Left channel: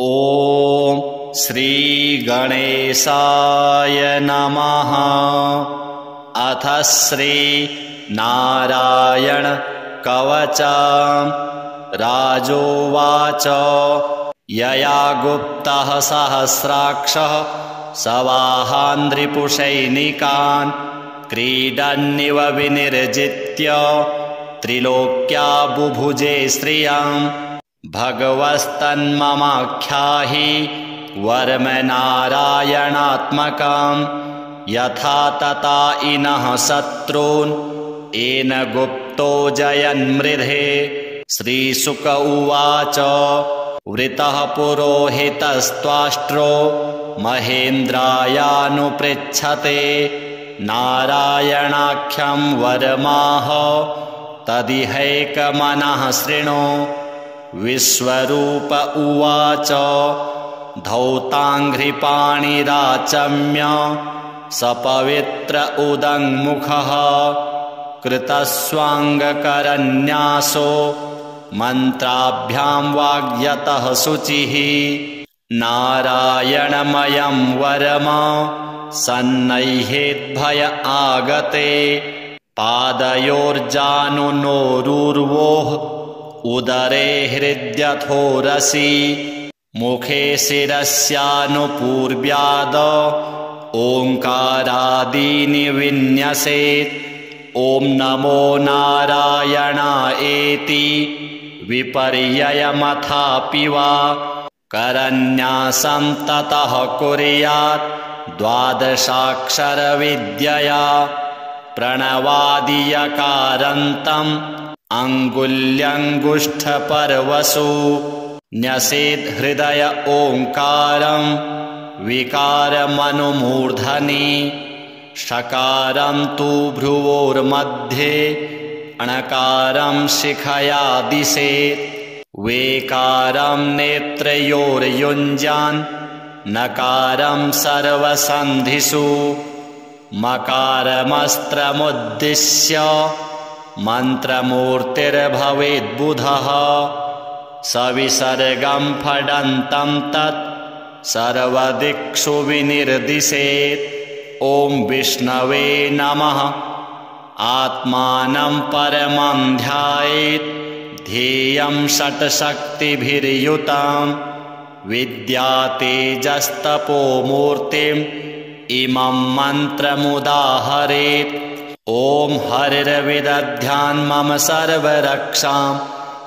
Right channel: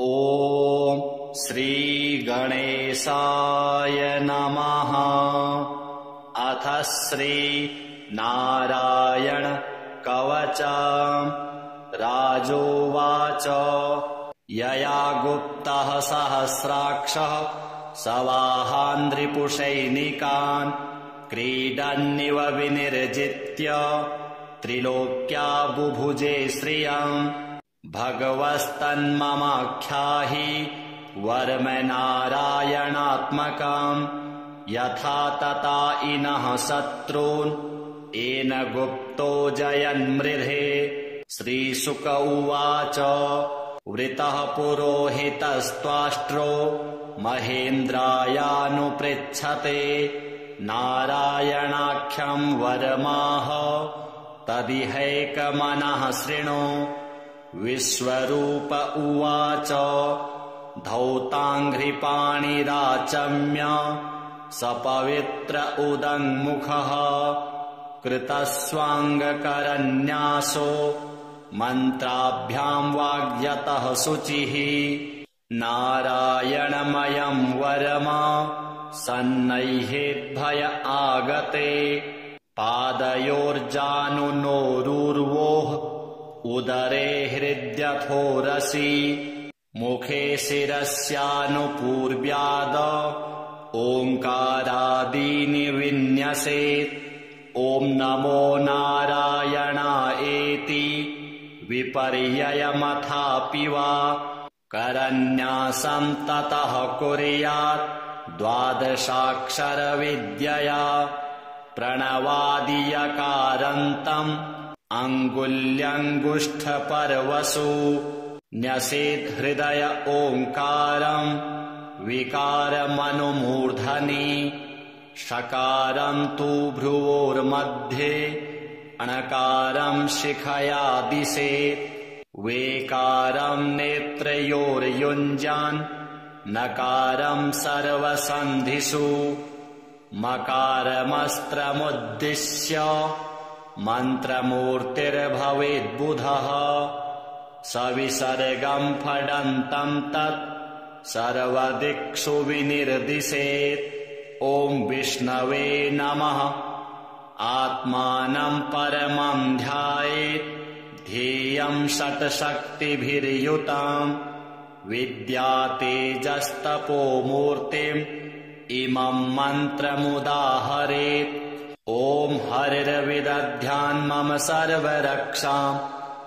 ॐ श्रीगणेशाय नमः। अथ श्रीनारायण कवचम्। राजोवाच यया गुप्तः सहस्राक्षः सवाहान् रिपुसैनिकान् क्रीडन्निव विनिर्जित्य त्रिलोक्या बुभुजे श्रियम्। भगवस्तन्ममाख्याहि वर्म नारायणात्मकम्। यथा तथा इनः शत्रून् येन गुप्तो जयन्मृधे। श्रीशुक उवाच वृतः पुरोहितस्त्वाष्ट्रो महेन्द्रायानुपृच्छते नारायणाख्यं वरमाह तदिहैकमनः शृणु। विश्वरूप उवाच धौताङ्घ्रिपाणिराचम्य सपवित्र उदङ्मुखः कृतस्वाङ्गकरन्यासो मन्त्राभ्यां वाग्यतः शुचिः। नारायणमयं वरम सन्नह्येद्भय आगते पादयोर्जानुनोरुर्वोः उदरे हृद्यथोरसि मुखे शिरस्यानुपूर्व्याद ओङ्कारादीनि विन्यसेत्। ॐ नमो नारायणायेति विपर्ययमथापि वा करन्यासं ततः कुर्यात् द्वादशाक्षरविद्यया प्रणवादियकारान्तम् अङ्गुल्यङ्गुष्ठपर्वसु न्यसेत् हृदय ओङ्कारं विकारमनुमूर्धनि। षकारं तु भ्रुवोर्मध्ये णकारं शिखया दिशेत्। वेकारं नेत्रयोर्युञ्जान् नकारं सर्वसन्धिषु। मकारमस्त्रमुद्दिश्य मन्त्रमूर्तिर्भवेद्बुधः। सविसर्गं फडन्तं तत् सर्वदिक्षु विनिर्दिशेत्। ॐ विष्णवे नमः। आत्मानं परमं ध्यायेत् ध्येयं षट्शक्तिभिर्युतं। विद्यातेजस्तपोमूर्तिम् इमं मन्त्रमुदाहरेत्। ॐ हरिर्विदध्यान् मम सर्वरक्षां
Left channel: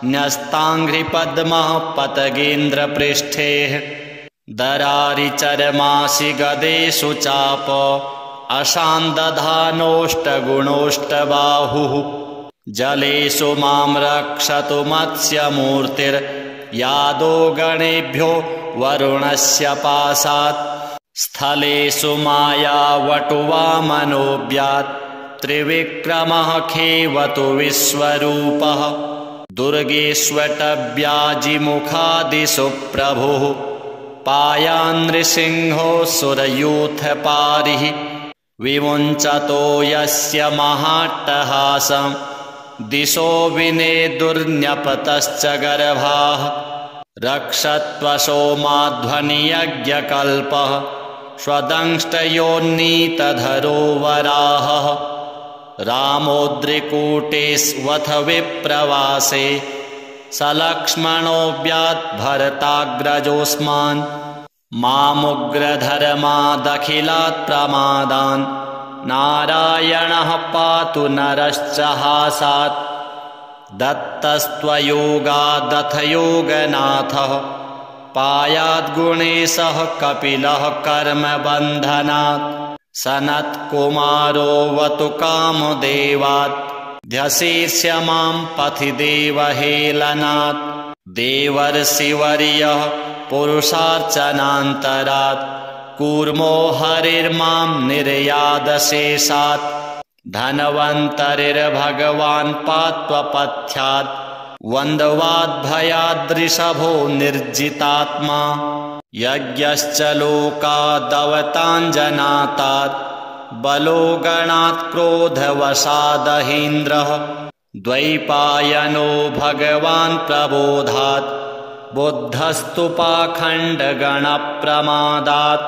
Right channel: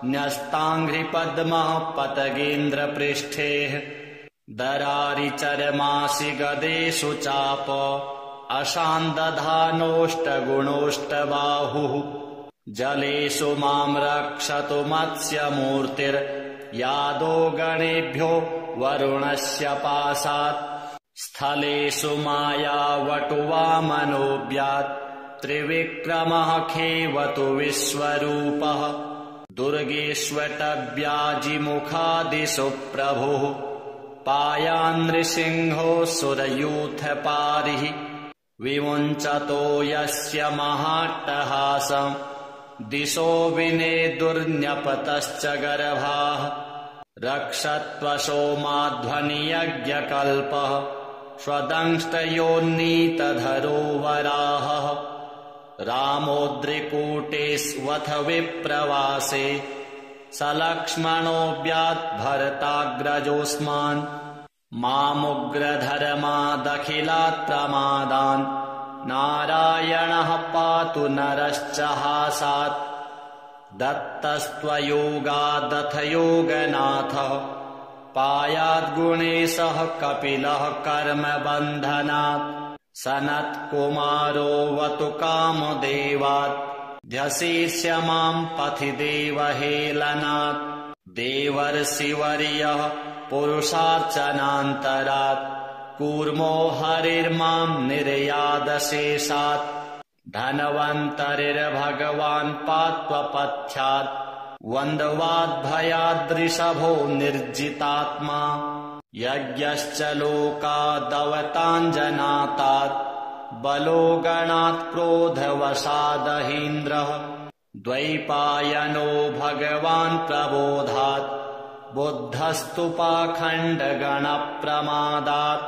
न्यस्ताङ्घ्रिपद्मः पतगेन्द्रपृष्ठे। दरारिचरमासि गदेषु चाप अशान्दधानोष्टगुणोष्टबाहुः। जलेषु मां रक्षतु मत्स्यमूर्तिर्यादो गणेभ्यो वरुणस्य पाशात्। स्थलेषु मायावटुवामनोऽव्यात् त्रिविक्रमः खेवतु विश्वरूपः। दुर्गेष्वटव्याजिमुखादिषु प्रभुः पायान् नृसिंहो सुरयूथपारिः। विमुञ्चतो यस्य महाट्टहासं दिशो विनेदुर्न्यपतश्च गर्भाः। रक्षत्वशो माध्वनियज्ञकल्पः स्वदंष्टयोन्नीतधरो वराहः। रामोद्रिकूटेष्वथ विप्रवासे सलक्ष्मणोऽव्यात् भरताग्रजोऽस्मान्। मामुग्रधर्मादखिलात् प्रमादान् नारायणः पातु नरश्च हासात्। दत्तस्त्वयोगादथ योगनाथः पायाद्गुणेशः कपिलः कर्मबन्धनात्। सनत्कुमारोऽवतु कामदेवात् ध्यशीर्ष्य मां पथि देवहेलनात्। देवर्षिवर्यः पुरुषार्चनान्तरात् कूर्मो हरिर्मां निर्यादशेषात्। धन्वन्तरिर्भगवान् पात्वपथ्यात् वन्द्वाद्भयाद्ऋषभो निर्जितात्मा। यज्ञश्च लोकादवताञ्जनातात् बलो गणात् क्रोधवशादहीन्द्रः। द्वैपायनो भगवान् प्रबोधात् बुद्धस्तु पाखण्डगणप्रमादात्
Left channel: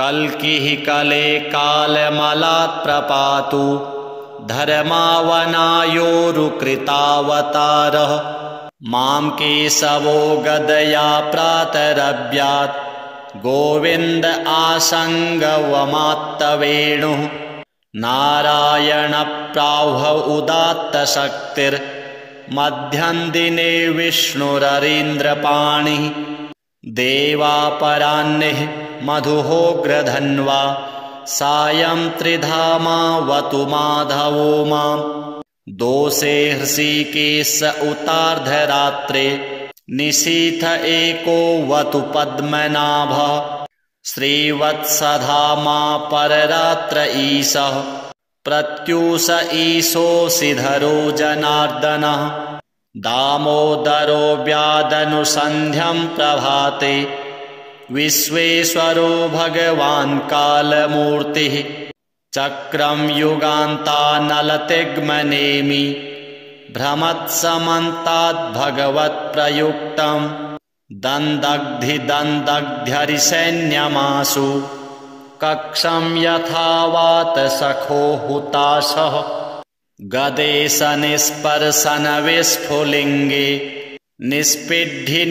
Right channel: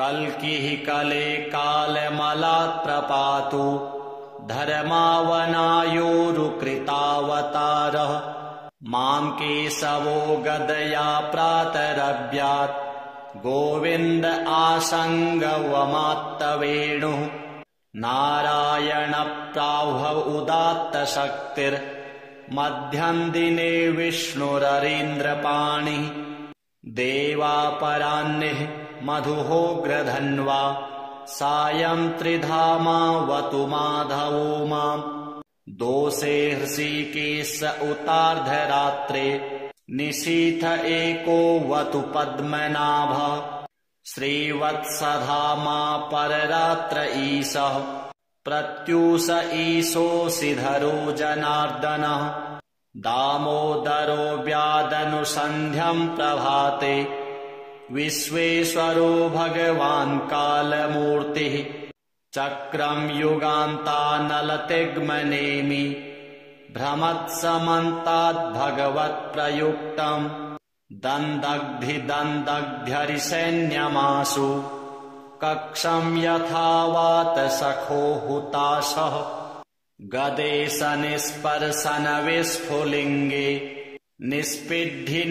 कल्किः कले कालमलात् प्रपातु धर्मावनायोरुकृतावतारः मां केशवो गदया प्रातरव्यात् गोविन्द आसङ्गवमात्तवेणुः नारायणप्राह्व उदात्तशक्तिर्मध्यन्दिने विष्णुररीन्द्रपाणिः देवापराह्निः मधुहोग्रधन्वा सायं त्रिधामावतु माधवो माम् दोषे हृषीकेश उतार्धरात्रे निशीथ एको वतु पद्मनाभ श्रीवत्सधामा पररात्र ईशः प्रत्यूष ईशोऽसिधरो जनार्दनः दामोदरो व्यादनुसन्ध्यं प्रभाते विश्वेश्वरो भगवान् कालमूर्तिः चक्रं युगान्तानलतिग्मनेमि भ्रमत्समन्ताद्भगवत्प्रयुक्तं दन्दग्धिदन्दग्ध्यरिसैन्यमासु कक्षं यथावात सखो हुताशः गदेशनिस्पर्शनविस्फुलिङ्गे निष्पिड्ढि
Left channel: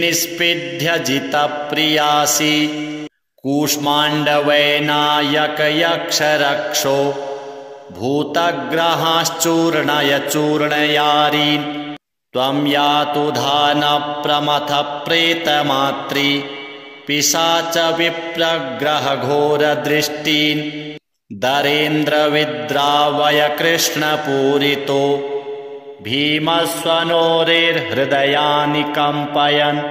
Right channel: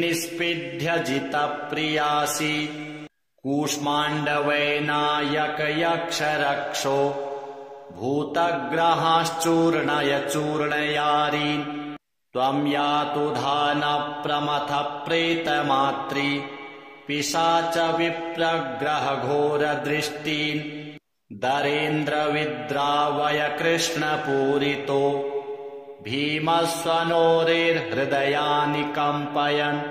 जितप्रियासि कूष्माण्डवैनायकयक्षरक्षो भूतग्रहाश्चूर्णय चूर्णयारीन् त्वं यातु धानप्रमथप्रेतमात्री पिशाच विप्रग्रहघोरदृष्टीन् दरेन्द्रविद्रावय कृष्णपूरितो भीमस्वनोरेर्हृदयानि कम्पयन्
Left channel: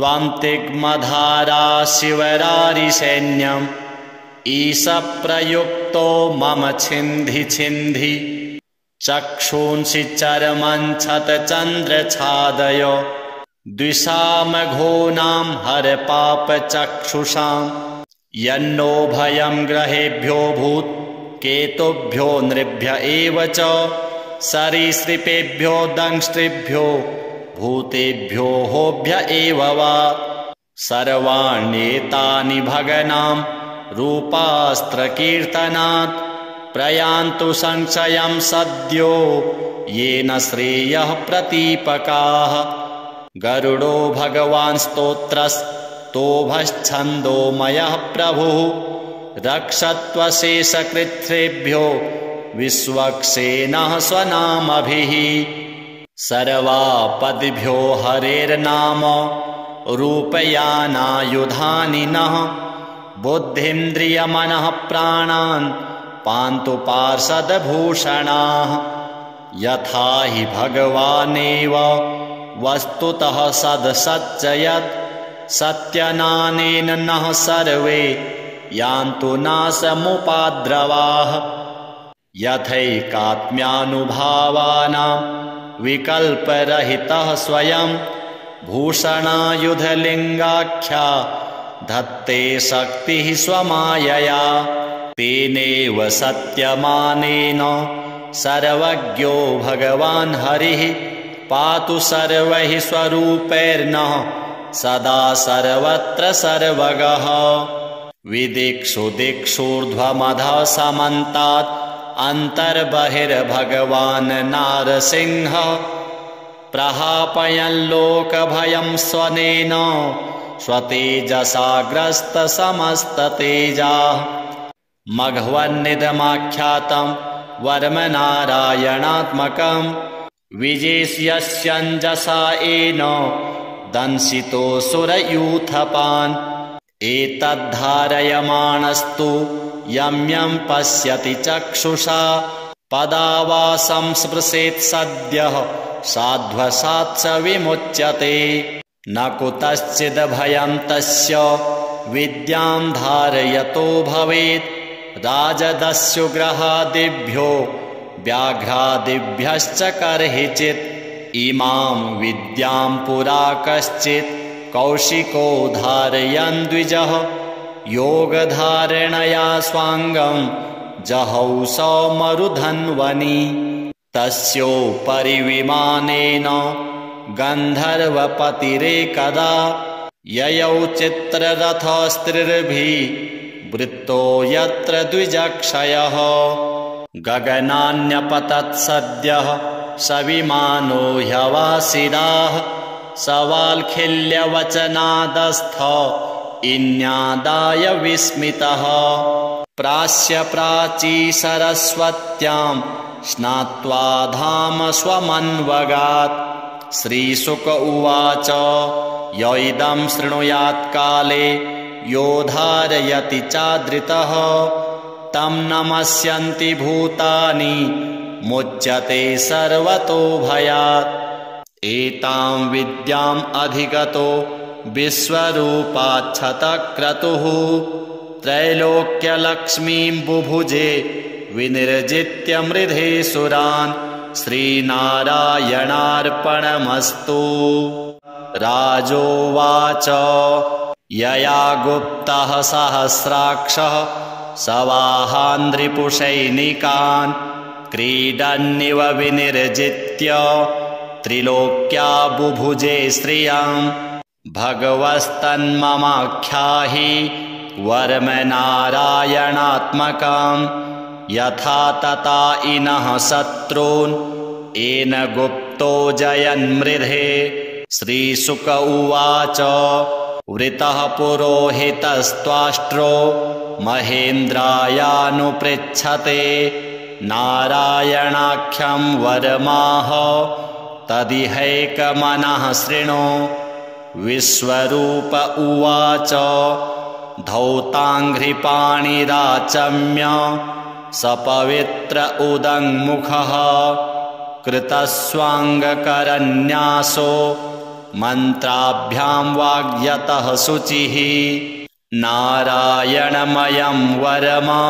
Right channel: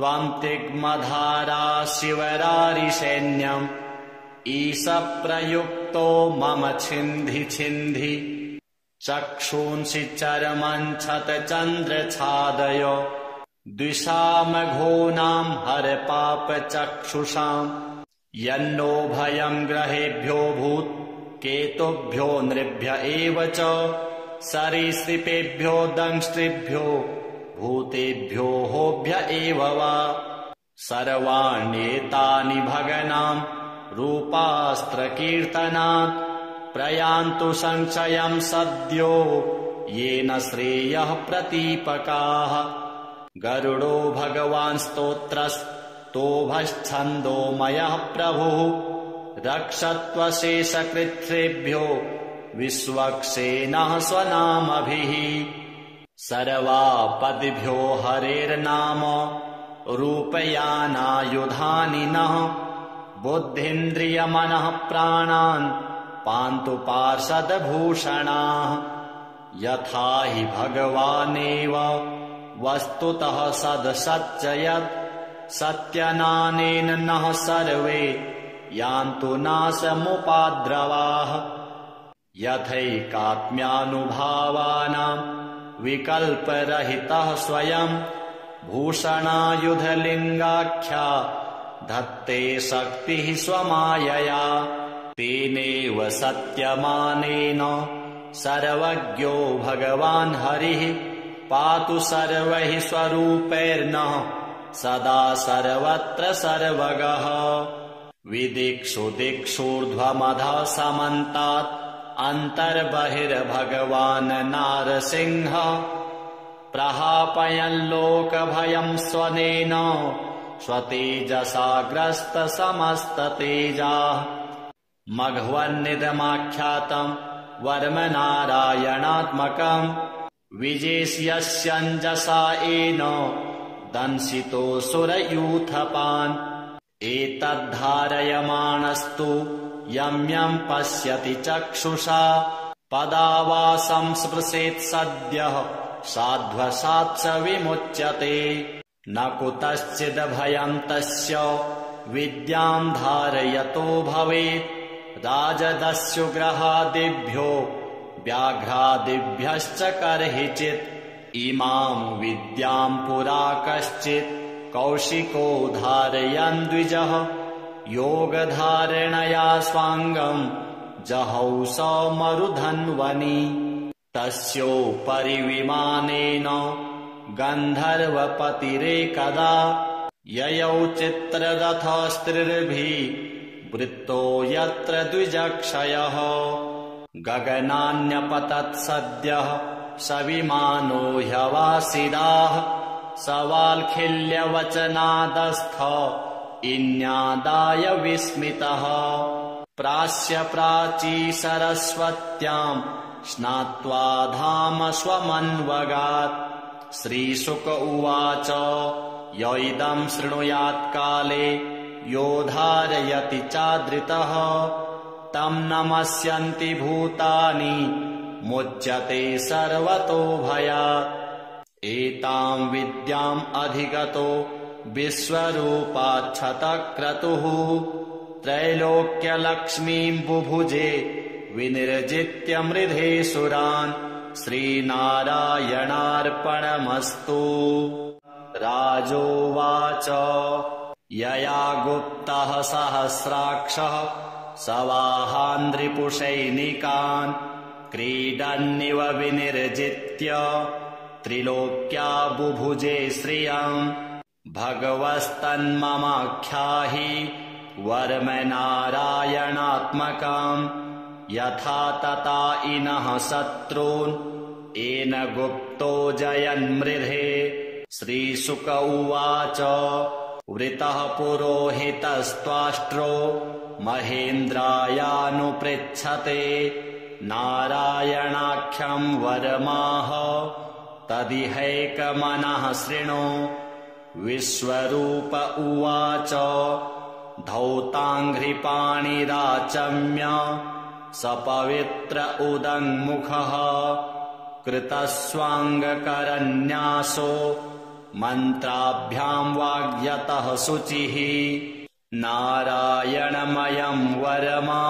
त्वं तिग्मधारा शिवरारिसैन्यम् ईशप्रयुक्तो मम छिन्धि छिन्धि चक्षूंसि चर्मञ्छतचन्द्रछादय द्विषामघोनां हरपापचक्षुषाम् यन्नो भयं ग्रहेभ्यो भूत् केतुभ्यो नृभ्य एव च सरीसृपेभ्यो दंष्ट्रिभ्यो भूतेभ्यो होभ्य एव वा सर्वाण्येतानि भगनां रूपास्त्रकीर्तनात् प्रयान्तु संशयं सद्यो येन श्रेयः प्रतीपकाः गरुडो भगवान् स्तोत्रस्तोभश्छन्दोमयः प्रभुः रक्षत्वशेषकृच्छ्रेभ्यो विश्वक्सेनः स्वनामभिः सर्वापदिभ्यो हरेर्नाम रूपयानायुधानि नः बुद्धीन्द्रियमनः प्राणान् पान्तु पार्षदभूषणाः यथा हि भगवानेव वस्तुतः सदसच्चयत् सत्यनानेन नः सर्वे यान्तु नाशमुपाद्रवाः यथैकात्म्यानुभावानां विकल्परहितः स्वयं भूषणायुधलिङ्गाख्या धत्ते शक्तिः स्वमायया तेनेव सत्यमानेन सर्वज्ञो भगवान् हरिः पातु सर्वैः स्वरूपैर्नः सदा सर्वत्र सर्वगः विदिक्षु दिक्षूर्ध्वमधः समन्तात् अन्तर्बहिर्भगवान् नारसिंहः प्रहापयन् लोकभयं स्वनेन स्वतेजसाग्रस्तसमस्ततेजाः मघवन्निदमाख्यातं वर्मनारायणात्मकं विजेष्यस्यञ्जसा येन दंशितोऽसुरयूथपान् एतद्धारयमाणस्तु यं यं पश्यति चक्षुषा पदावासं स्पृशेत् सद्यः साध्वसात् स विमुच्यते न कुतश्चिद्भयं तस्य विद्यां धारयतो भवेत् राजदस्युग्रहादिभ्यो व्याघ्रादिभ्यश्च कर्हिचित् इमां विद्यां पुरा कश्चित् कौशिको धारयन् द्विजः योगधारणया स्वाङ्गं जहौ सौमरुधन्वनि तस्योपरि विमानेन गन्धर्वपतिरेकदा ययौ चित्ररथस्त्रिर्भिर्वृत्तो यत्र द्विजक्षयः गगनान्यपतत् सद्यः सविमानो ह्यवासिदाः सवाल्खिल्यवचनादस्थ इन्यादाय विस्मितः प्रास्य प्राची सरस्वत्यां स्नात्वा धाम स्वमन्वगात् श्रीशुक उवाच य इदं शृणुयात् काले यो धारयति चादृतः तं नमस्यन्ति भूतानि मुच्यते सर्वतो भयात् एतां विद्याम् अधिगतो विश्वरूपाच्छतक्रतुः त्रैलोक्यलक्ष्मीं बुभुजे विनिर्जित्य मृधे सुरान् श्रीनारायणार्पणमस्तु। राजोवाच यया गुप्तः सहस्राक्षः सवाहान्ध्रिपुषैनिकान् क्रीडन्निव विनिर्जित्य त्रिलोक्या बुभुजे श्रियाम् भगवस्तन्ममाख्याहि वर्मनारायणात्मकाम् यथा तथा इनः शत्रून् येन गुप्तो जयन्मृधे। श्रीशुक उवाच वृतः पुरोहितस्त्वाष्ट्रो महेन्द्रायानुपृच्छते नारायणाख्यं वरमाह तदिहैकमनः शृणु। विश्वरूप उवाच धौताङ्घ्रिपाणिराचम्य सपवित्र उदङ्मुखः कृतस्वाङ्गकरन्यासो मन्त्राभ्यां वाग्यतः शुचिः नारायणमयं वरमा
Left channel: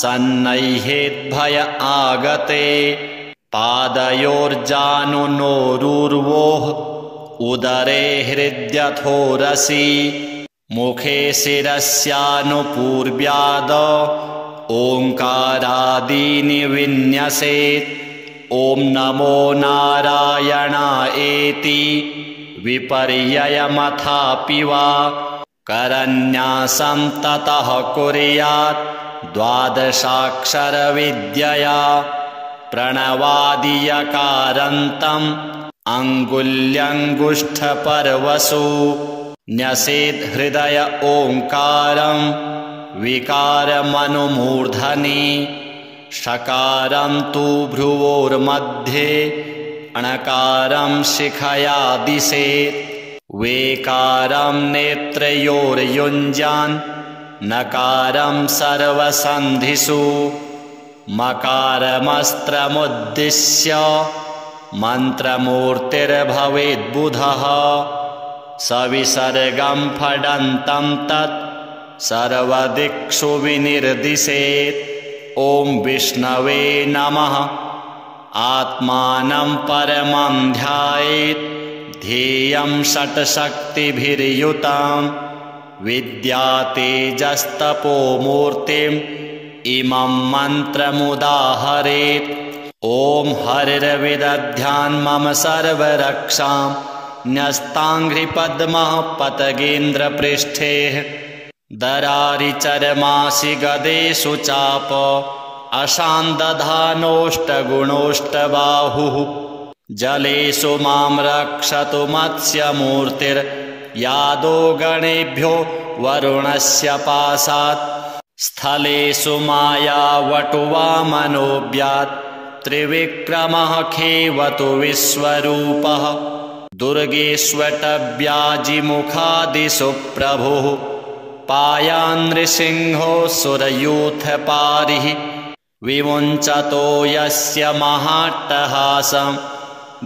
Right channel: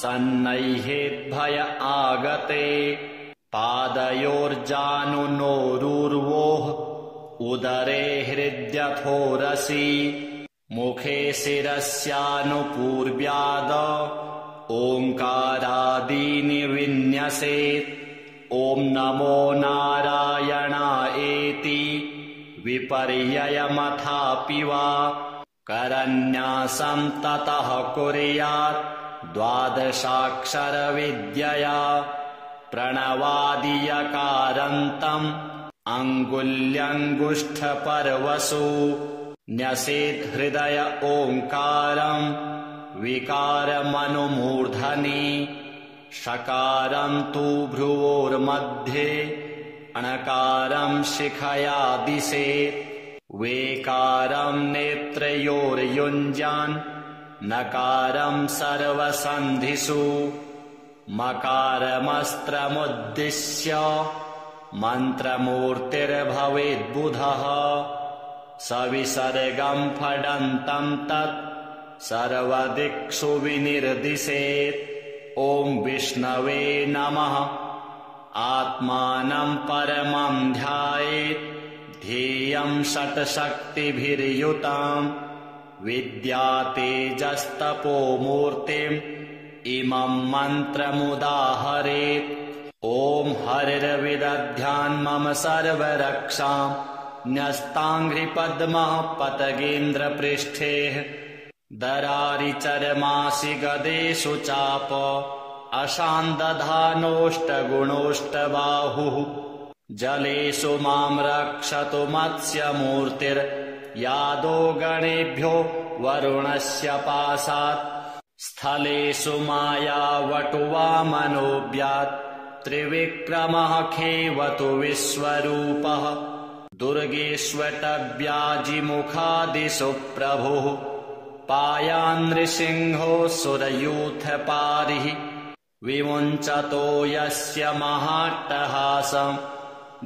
सन्नह्येद्भय आगते पादयोर्जानुनोरुर्वोः उदरे हृद्यथोरसि मुखे शिरस्यानुपूर्व्याद ओङ्कारादीनि विन्यसेत् ॐ नमो नारायणायेति विपर्ययमथापि वा करन्यासं ततः कुर्यात् द्वादशाक्षरविद्यया प्रणवादियकारान्तम् अङ्गुल्यङ्गुष्ठपर्वसु न्यसेत् हृदय ओङ्कारं विकारमनुमूर्धनि षकारं तु भ्रुवोर्मध्ये णकारं शिखया दिशेत् वेकारं नेत्रयोर्युञ्जान् नकारं सर्वसन्धिषु मकारमस्त्रमुद्दिश्य मन्त्रमूर्तिर्भवेद्बुधः सविसर्गं फडन्तं तत् सर्वदिक्षु विनिर्दिशेत्। ॐ विष्णवे नमः आत्मानं परमं ध्यायेत् ध्येयं षट्शक्तिभिर्युतां विद्यातेजस्तपोमूर्तिम् इमं मन्त्रमुदाहरेत्। ॐ हरिर्विदध्यान् मम सर्वरक्षां न्यस्ताङ्घ्रिपद्मः पतगेन्द्रपृष्ठे दरारिचर्मासि गदेषु चाप अशान्दधानोष्टगुणोष्टबाहुः जलेषु मां रक्षतु मत्स्यमूर्तिर्यादो गणेभ्यो वरुणस्य पाशात् स्थलेषु मायावटुवामनोऽव्यात् त्रिविक्रमः खेवतु विश्वरूपः दुर्गेष्वटव्याजिमुखादिषु प्रभुः पायान्नृसिंहो सुरयूथपारिः विमुञ्चतो यस्य महाट्टहासं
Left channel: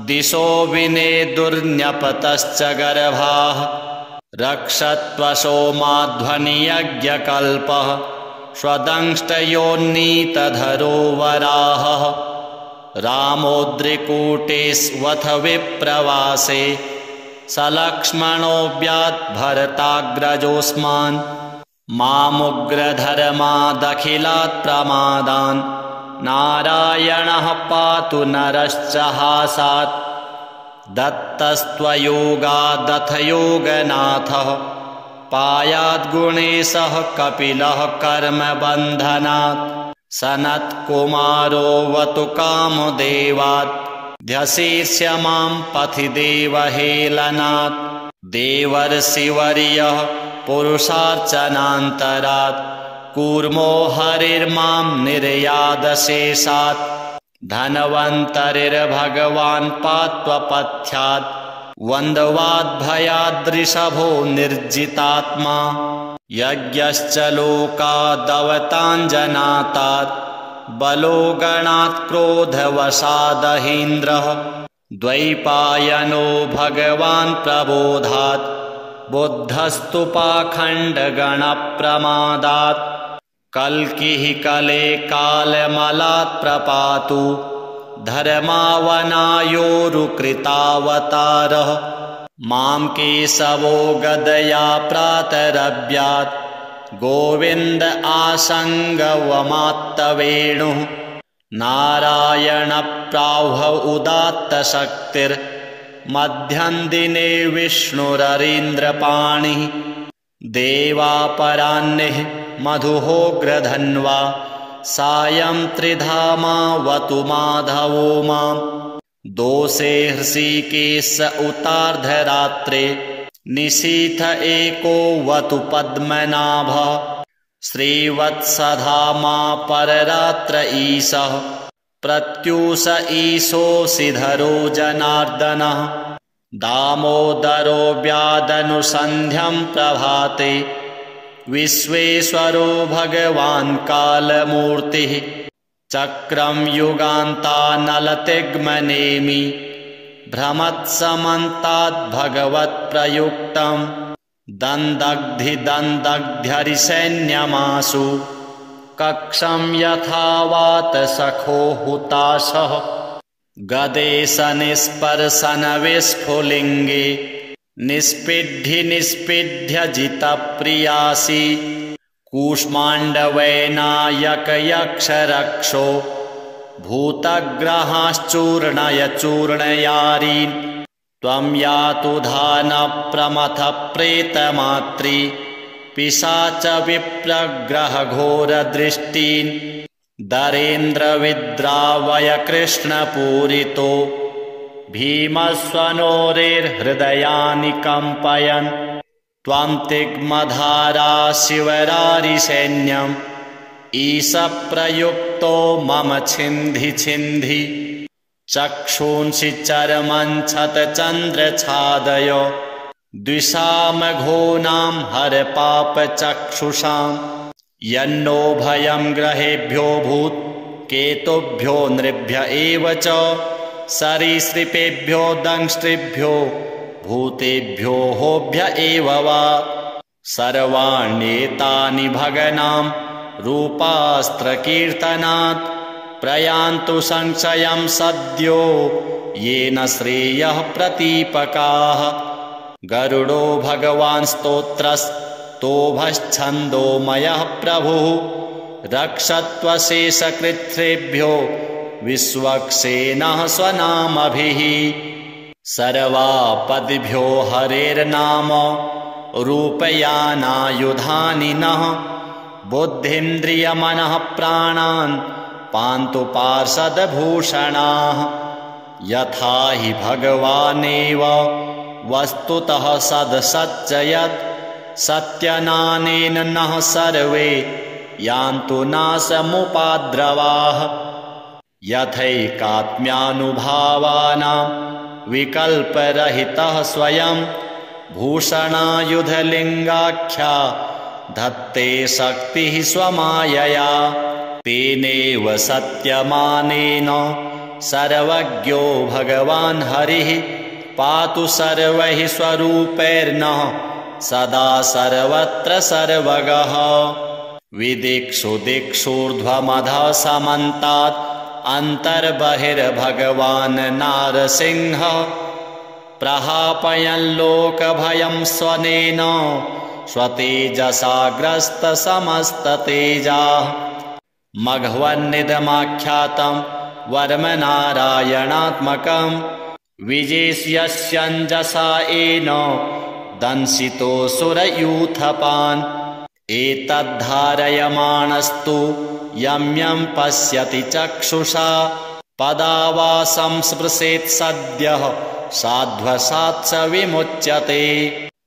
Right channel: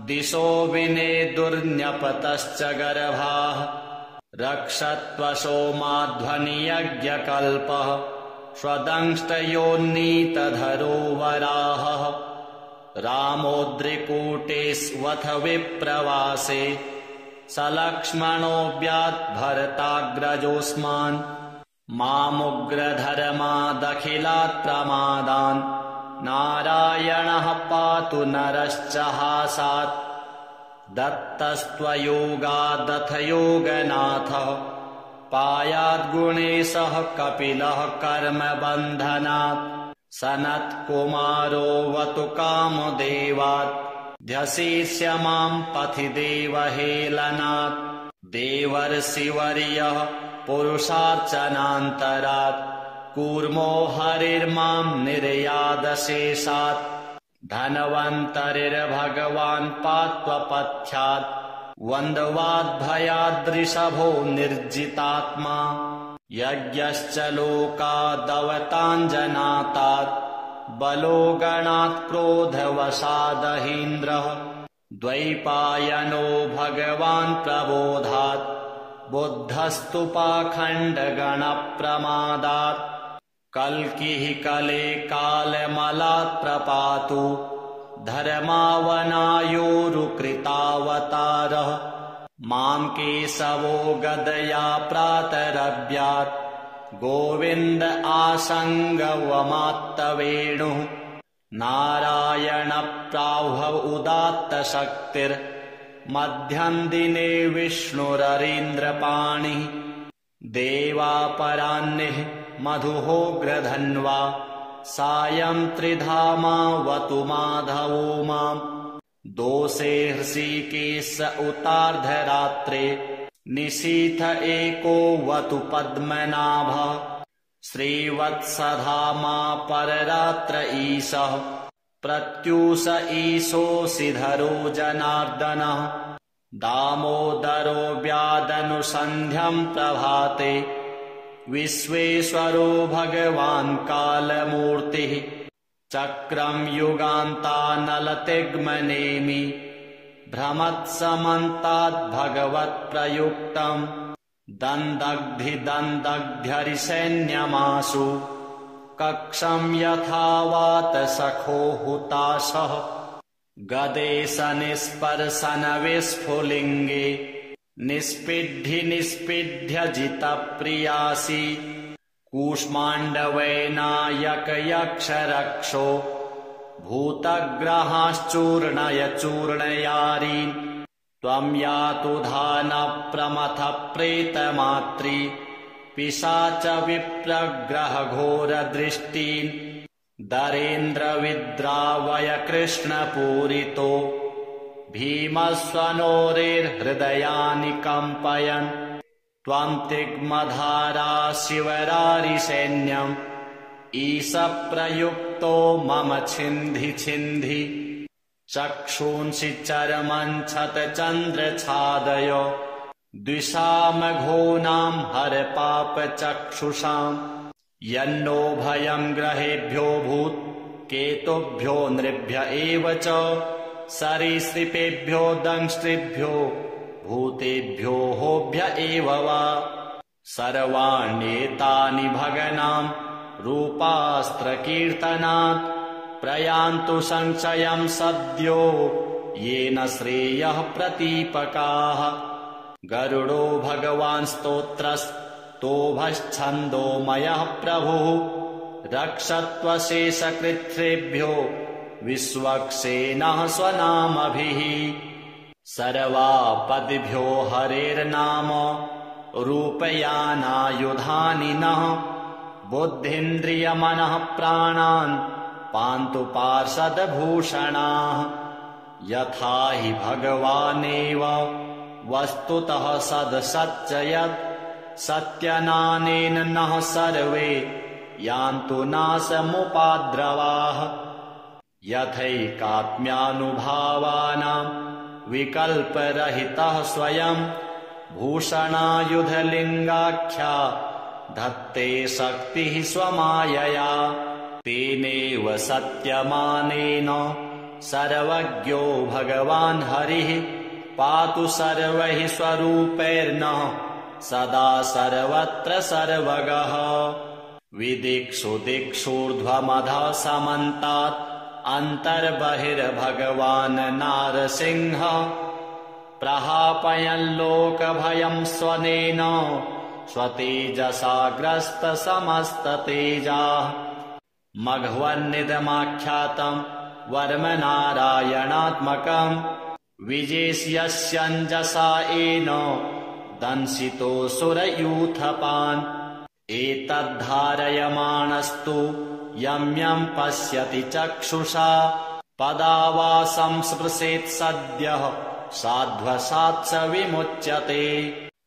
दिशो विनेदुर्न्यपतश्च गर्भाः रक्षत्वशो माध्वनियज्ञकल्पः स्वदंष्टयोन्नीतधरो वराहः रामोद्रिकूटेष्वथ विप्रवासे सलक्ष्मणोऽव्यात् भरताग्रजोऽस्मान् मामुग्रधर्मादखिलात् प्रमादान् नारायणः पातु नरश्च हासात् दत्तस्त्वयोगादथ योगनाथः पायाद्गुणेशः कपिलः कर्मबन्धनात् सनत्कुमारो वतु कामदेवात् ध्यशीर्ष्य मां पथि देवहेलनात् देवर्षिवर्यः पुरुषार्चनान्तरात् कूर्मो हरिर्मां निर्यादशेषात् धन्वन्तरिर्भगवान् पात्वपथ्यात् वन्द्वाद्भयाद्ऋषभो निर्जितात्मा यज्ञश्च लोकादवताञ्जनातात् बलो गणात् क्रोधवशादहीन्द्रः द्वैपायनो भगवान् प्रबोधात् बुद्धस्तु पाखण्डगणप्रमादात् कल्किः कले कालमलात् प्रपातु धर्मावनायोरुकृतावतारः मां केशवो गदया प्रातरभ्यात् गोविन्द आसङ्गवमात्तवेणुः नारायणप्राह्व उदात्तशक्तिर्मध्यं दिने विष्णुररीन्द्रपाणिः देवापराह्निः मधुहोग्रधन्वा सायं त्रिधामावतु माधवो मां दोषे हृषीकेश उतार्धरात्रे निशीथ एको वतु पद्मनाभः श्रीवत्सधामा पररात्र ईशः प्रत्यूष ईशोऽसिधरो जनार्दनः दामोदरो व्यादनुसन्ध्यं प्रभाते विश्वेश्वरो भगवान् कालमूर्तिः चक्रं युगान्तानलतिग्मनेमि भ्रमत्समन्ताद्भगवत्प्रयुक्तं दन्दग्धिदन्दग्ध्यरिसैन्यमासु कक्षं यथावात सखो हुताशः गदेशनिस्पर्शनविस्फुलिङ्गे निष्पिड्ढ्य जितप्रियासि कूष्माण्डवैनायकयक्षरक्षो भूतग्रहाश्चूर्णय चूर्णयारीन् त्वं यातु धानप्रमथः प्रेतमात्री पिशाच विप्रग्रहघोरदृष्टीन् दरेन्द्रविद्रावय कृष्णपूरितो भीमस्वनोरेर्हृदयानि कम्पयन् त्वं तिग्मधारा शिवरारिसैन्यम् ईशप्रयुक्तो मम छिन्धि छिन्धि चक्षूंसि चर्मञ्छतचन्द्रछादय द्विषामघोनां हरपापचक्षुषां यन्नो भयं ग्रहेभ्यो भूत् केतुभ्यो नृभ्य एव च सरीसृपेभ्यो दंष्ट्रिभ्यो भूतेभ्यो होभ्य एव वा सर्वाण्येतानि भगनां रूपास्त्रकीर्तनात् प्रयान्तु संशयं सद्यो येन श्रेयः प्रतीपकाः गरुडो भगवान् स्तोत्रस्तोभश्छन्दोमयः प्रभुः रक्षत्वशेषकृच्छ्रेभ्यो विश्वक्सेनः स्वनामभिः सर्वापदिभ्यो हरेर्नाम रूपयानायुधानि नः बुद्धीन्द्रियमनः प्राणान् पान्तु पार्षदभूषणाः यथा हि भगवानेव वस्तुतः सदसच्चयत् सत्यनानेन नः सर्वे यान्तु नाशमुपाद्रवाः यथैकात्म्यानुभावानां विकल्परहितः स्वयं भूषणायुधलिङ्गाख्या धत्ते शक्तिः स्वमायया तेनेव सत्यमानेन सर्वज्ञो भगवान् हरिः पातु सर्वैः स्वरूपैर्नः सदा सर्वत्र सर्वगः विदिक्षु दिक्षूर्ध्वमधः समन्तात् अन्तर्बहिर्भगवान् नारसिंहः प्रहापयन् लोकभयं स्वनेन स्वतेजसाग्रस्तसमस्ततेजाः मघवन्निदमाख्यातं वर्मनारायणात्मकं विजेष्यस्यञ्जसा येन दंशितोऽसुरयूथपान् एतद्धारयमाणस्तु यं यं पश्यति चक्षुषा पदावासं स्पृशेत् सद्यः साध्वसात् स विमुच्यते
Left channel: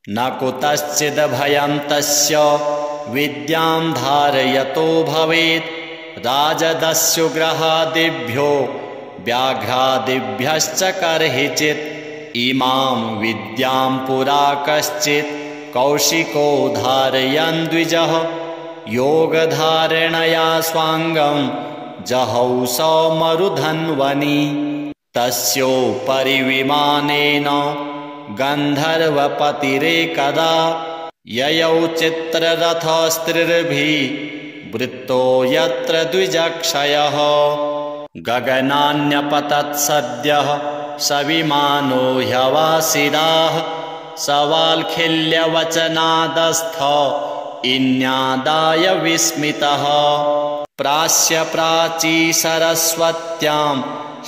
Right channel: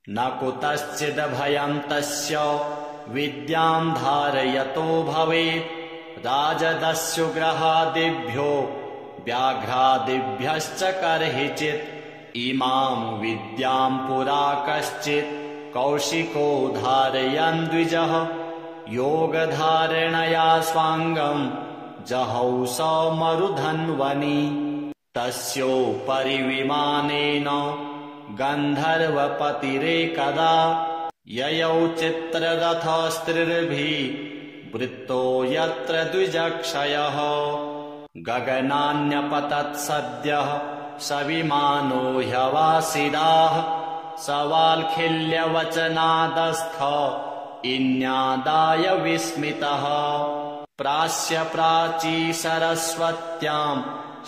न कुतश्चिद्भयं तस्य विद्यां धारयतो भवेत् राजदस्युग्रहादिभ्यो व्याघ्रादिभ्यश्च कर्हिचित् इमां विद्यां पुरा कश्चित् कौशिको धारयन् द्विजः योगधारणया स्वाङ्गं जहौ सौमरुधन्वनि तस्योपरि विमानेन गन्धर्वपतिरेकदा ययौ चित्ररथस्त्रिर्भिः वृत्तो यत्र द्विजक्षयः गगनान्यपतत् सद्यः स विमानो ह्यवासिदाः सवाल्खिल्यवचनादस्थ इन्यादाय विस्मितः प्रास्य प्राची सरस्वत्यां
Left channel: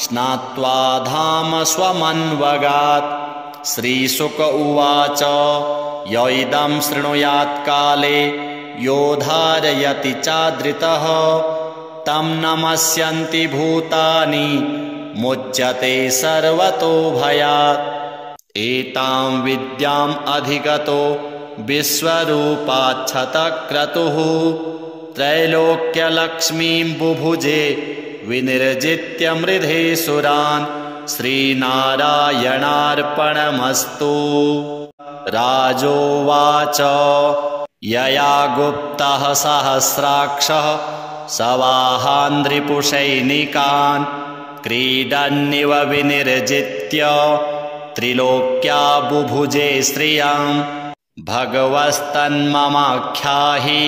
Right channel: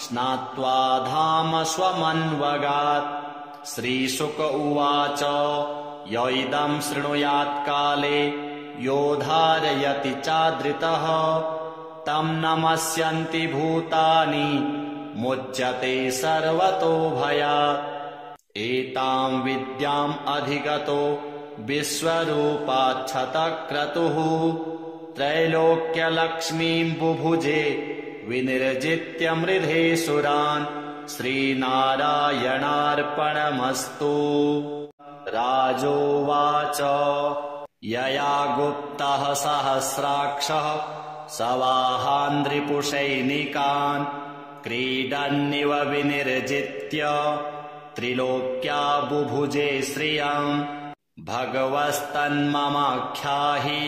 स्नात्वा धाम स्वमन्वगात् श्रीशुक उवाच य इदं शृणुयात् काले यो धारयति चादृतः तं नमस्यन्ति भूतानि मुच्यते सर्वतो भयात् एतां विद्याम् अधिगतो विश्वरूपाच्छतक्रतुः त्रैलोक्यलक्ष्मीं बुभुजे विनिर्जित्य मृधे सुरान् श्रीनारायणार्पणमस्तु राजोवाच यया गुप्तः सहस्राक्षः सवाहान्ध्रिपुषैनिकान् क्रीडन्निव विनिर्जित्य त्रिलोक्या बुभुजे श्रियां भगवस्तन्ममाख्याहि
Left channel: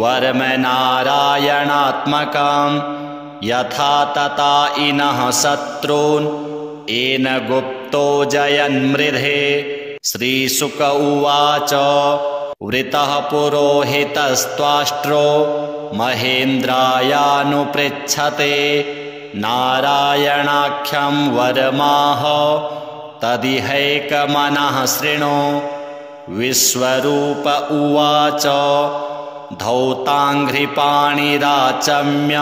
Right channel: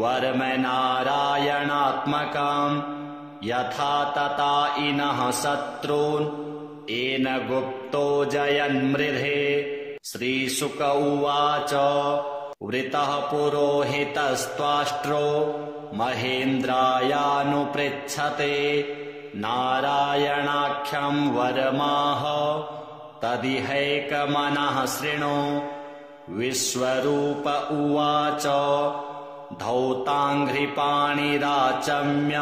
वर्मनारायणात्मकां यथा तथा इनः शत्रून् येन गुप्तो जयन्मृधे श्रीशुक उवाच वृतः पुरोहितस्त्वाष्ट्रो महेन्द्रायानुपृच्छते नारायणाख्यं वरमाह तदिहैकमनः शृणु विश्वरूप उवाच धौताङ्घ्रिपाणिराचम्य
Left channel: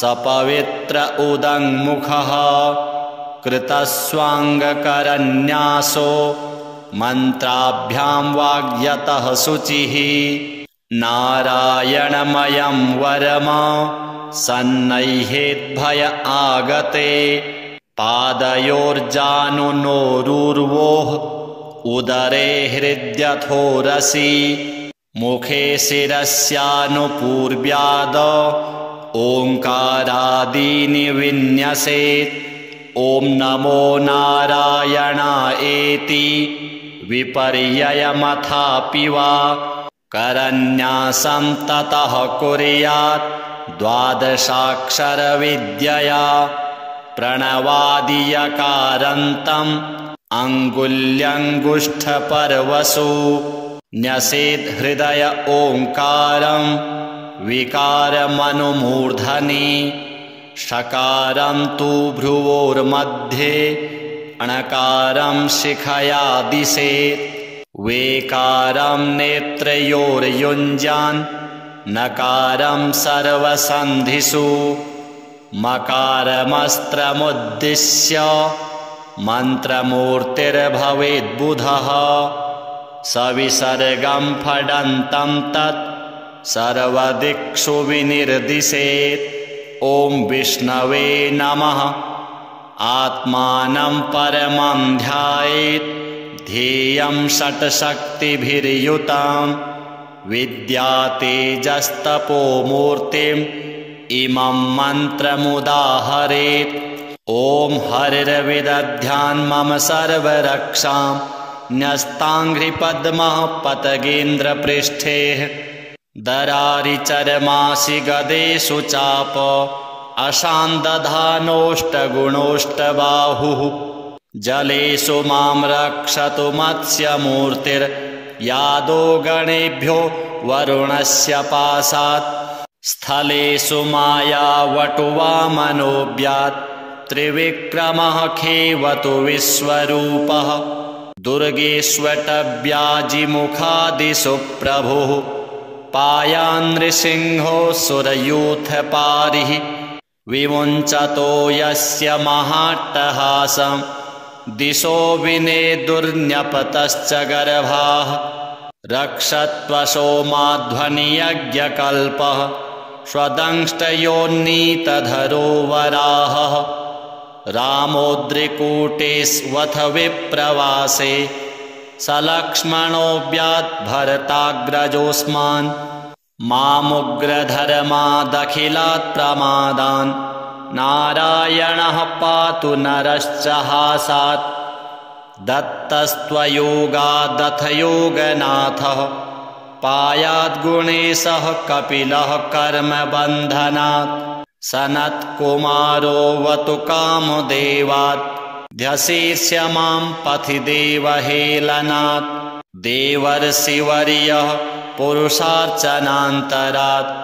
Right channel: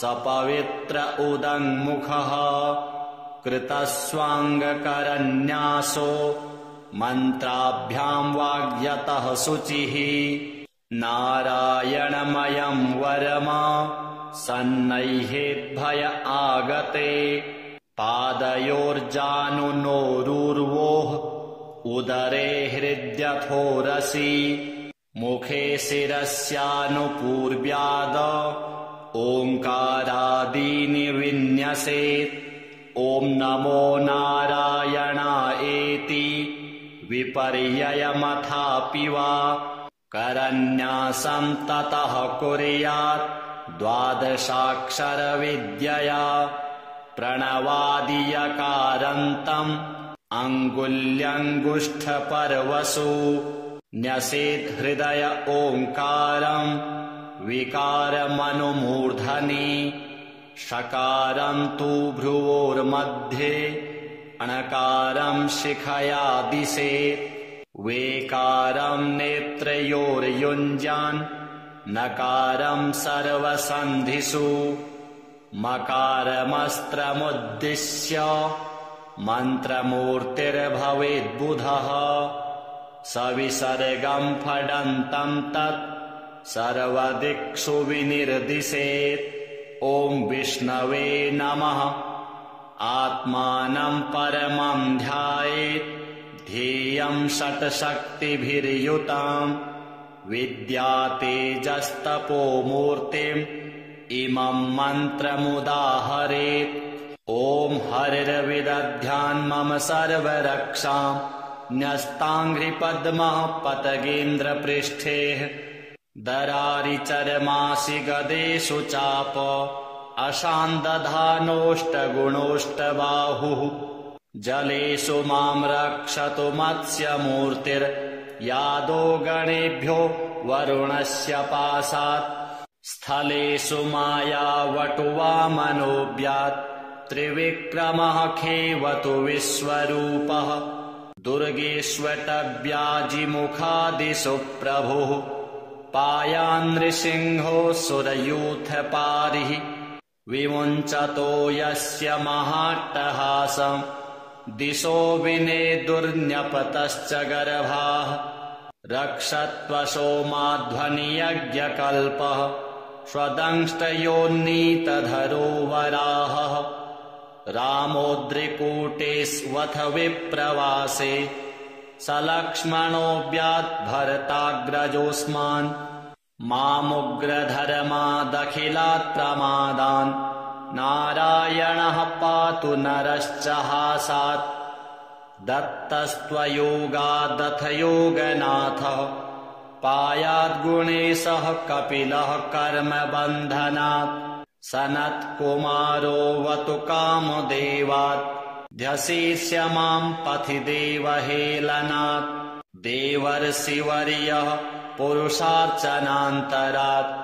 सपवित्र उदङ्मुखः कृतस्वाङ्गकरन्यासो मन्त्राभ्यां वाग्यतः शुचिः नारायणमयं वरमा सन्नह्येद्भय आगते पादयोर्जानुनोरुर्वोः उदरे हृद्यथोरसि मुखे शिरस्यानुपूर्व्याद ओङ्कारादीनि विन्यसेत् ॐ नमो नारायणायेति विपर्ययमथापि वा करन्यासं ततः कुर्यात् द्वादशाक्षरविद्यया प्रणवादियकारान्तम् अङ्गुल्यङ्गुष्ठपर्वसु न्यसेत् हृदय ओङ्कारं विकारमनुमूर्धनि षकारं तु भ्रुवोर्मध्ये णकारं शिखया दिशेत् वेकारं नेत्रयोर्युञ्जान् नकारं सर्वसन्धिषु मकारमस्त्रमुद्दिश्य मन्त्रमूर्तिर्भवेद्बुधः सविसर्गं फडन्तं तत् सर्वदिक्षु विनिर्दिशेत् ॐ विष्णवे नमः आत्मानं परमं ध्यायेत् ध्येयं षट्शक्तिभिर्युतां विद्यातेजस्तपोमूर्तिम् इमं मन्त्रमुदाहरेत् ॐ हरिर्विदध्यान् मम सर्वरक्षां न्यस्ताङ्घ्रिपद्मः पतगेन्द्रपृष्ठे दरारिचर्मासि गदेषु चाप अशान्दधानोष्टगुणोष्टबाहुः जलेषु मां रक्षतु मत्स्यमूर्तिर्यादो गणेभ्यो वरुणस्य पाशात् स्थलेषु मायावटुवामनोऽव्यात् त्रिविक्रमः खेवतु विश्वरूपः दुर्गेष्वटव्याजिमुखादिषु प्रभुः पायान्नृसिंहो सुरयूथपारिः विमुञ्चतो यस्य महाट्टहासं दिशो विनेदुर्न्यपतश्च गर्भाः रक्षत्वसोमाध्वनियज्ञकल्पः स्वदंष्टयोन्नीतधरो वराहः रामोद्रिकूटेष्वथ विप्रवासे सलक्ष्मणोऽव्याद्भरताग्रजोऽस्मान् मामुग्रधर्मादखिलात् प्रमादान् नारायणः पातु नरश्च हासात् दत्तस्त्वयोगादथ योगनाथः पायाद्गुणेशः कपिलः कर्मबन्धनात् सनत्कुमारोऽवतु कामदेवात् ध्यशीर्ष्य मां पथि देवहेलनात् देवर्षिवर्यः पुरुषार्चनान्तरात्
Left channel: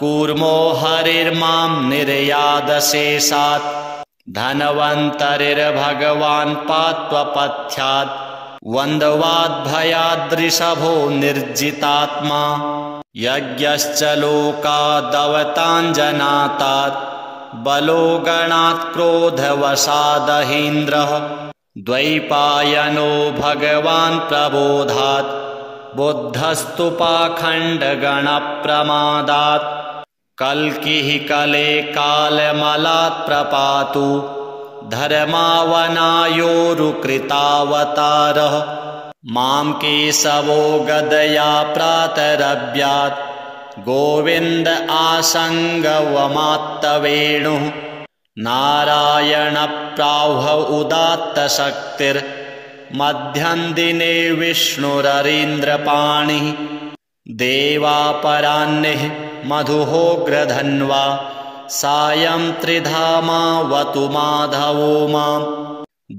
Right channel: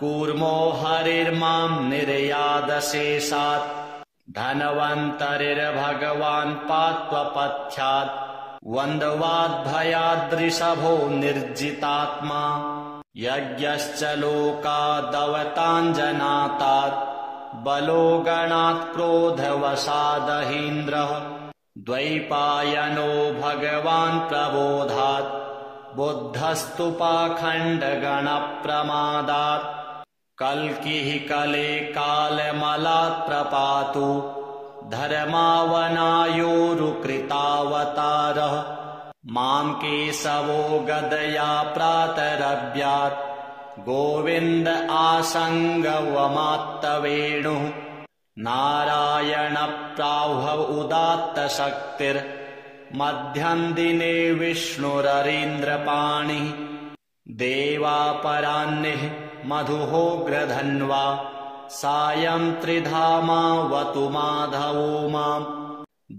कूर्मो हरिर्मां निर्यादशेषात् धन्वन्तरिर्भगवान् पात्वपथ्यात् वन्द्वाद्भयाद्ऋषभो निर्जितात्मा यज्ञश्च लोकादवताञ्जनातात् बलो गणात् क्रोधवशादहीन्द्रः द्वैपायनो भगवान् प्रबोधात् बुद्धस्तु पाखण्डगणप्रमादात् कल्किः कले कालमलात् प्रपातु धर्मावनायोरुकृतावतारः मां केशवो गदया प्रातरव्यात् गोविन्द आसङ्गवमात्तवेणुः नारायणप्राह्व उदात्तशक्तिर्मध्यं दिने विष्णुररीन्द्रपाणिः देवापराह्निः मधुहोग्रधन्वा सायं त्रिधामावतु माधवो मां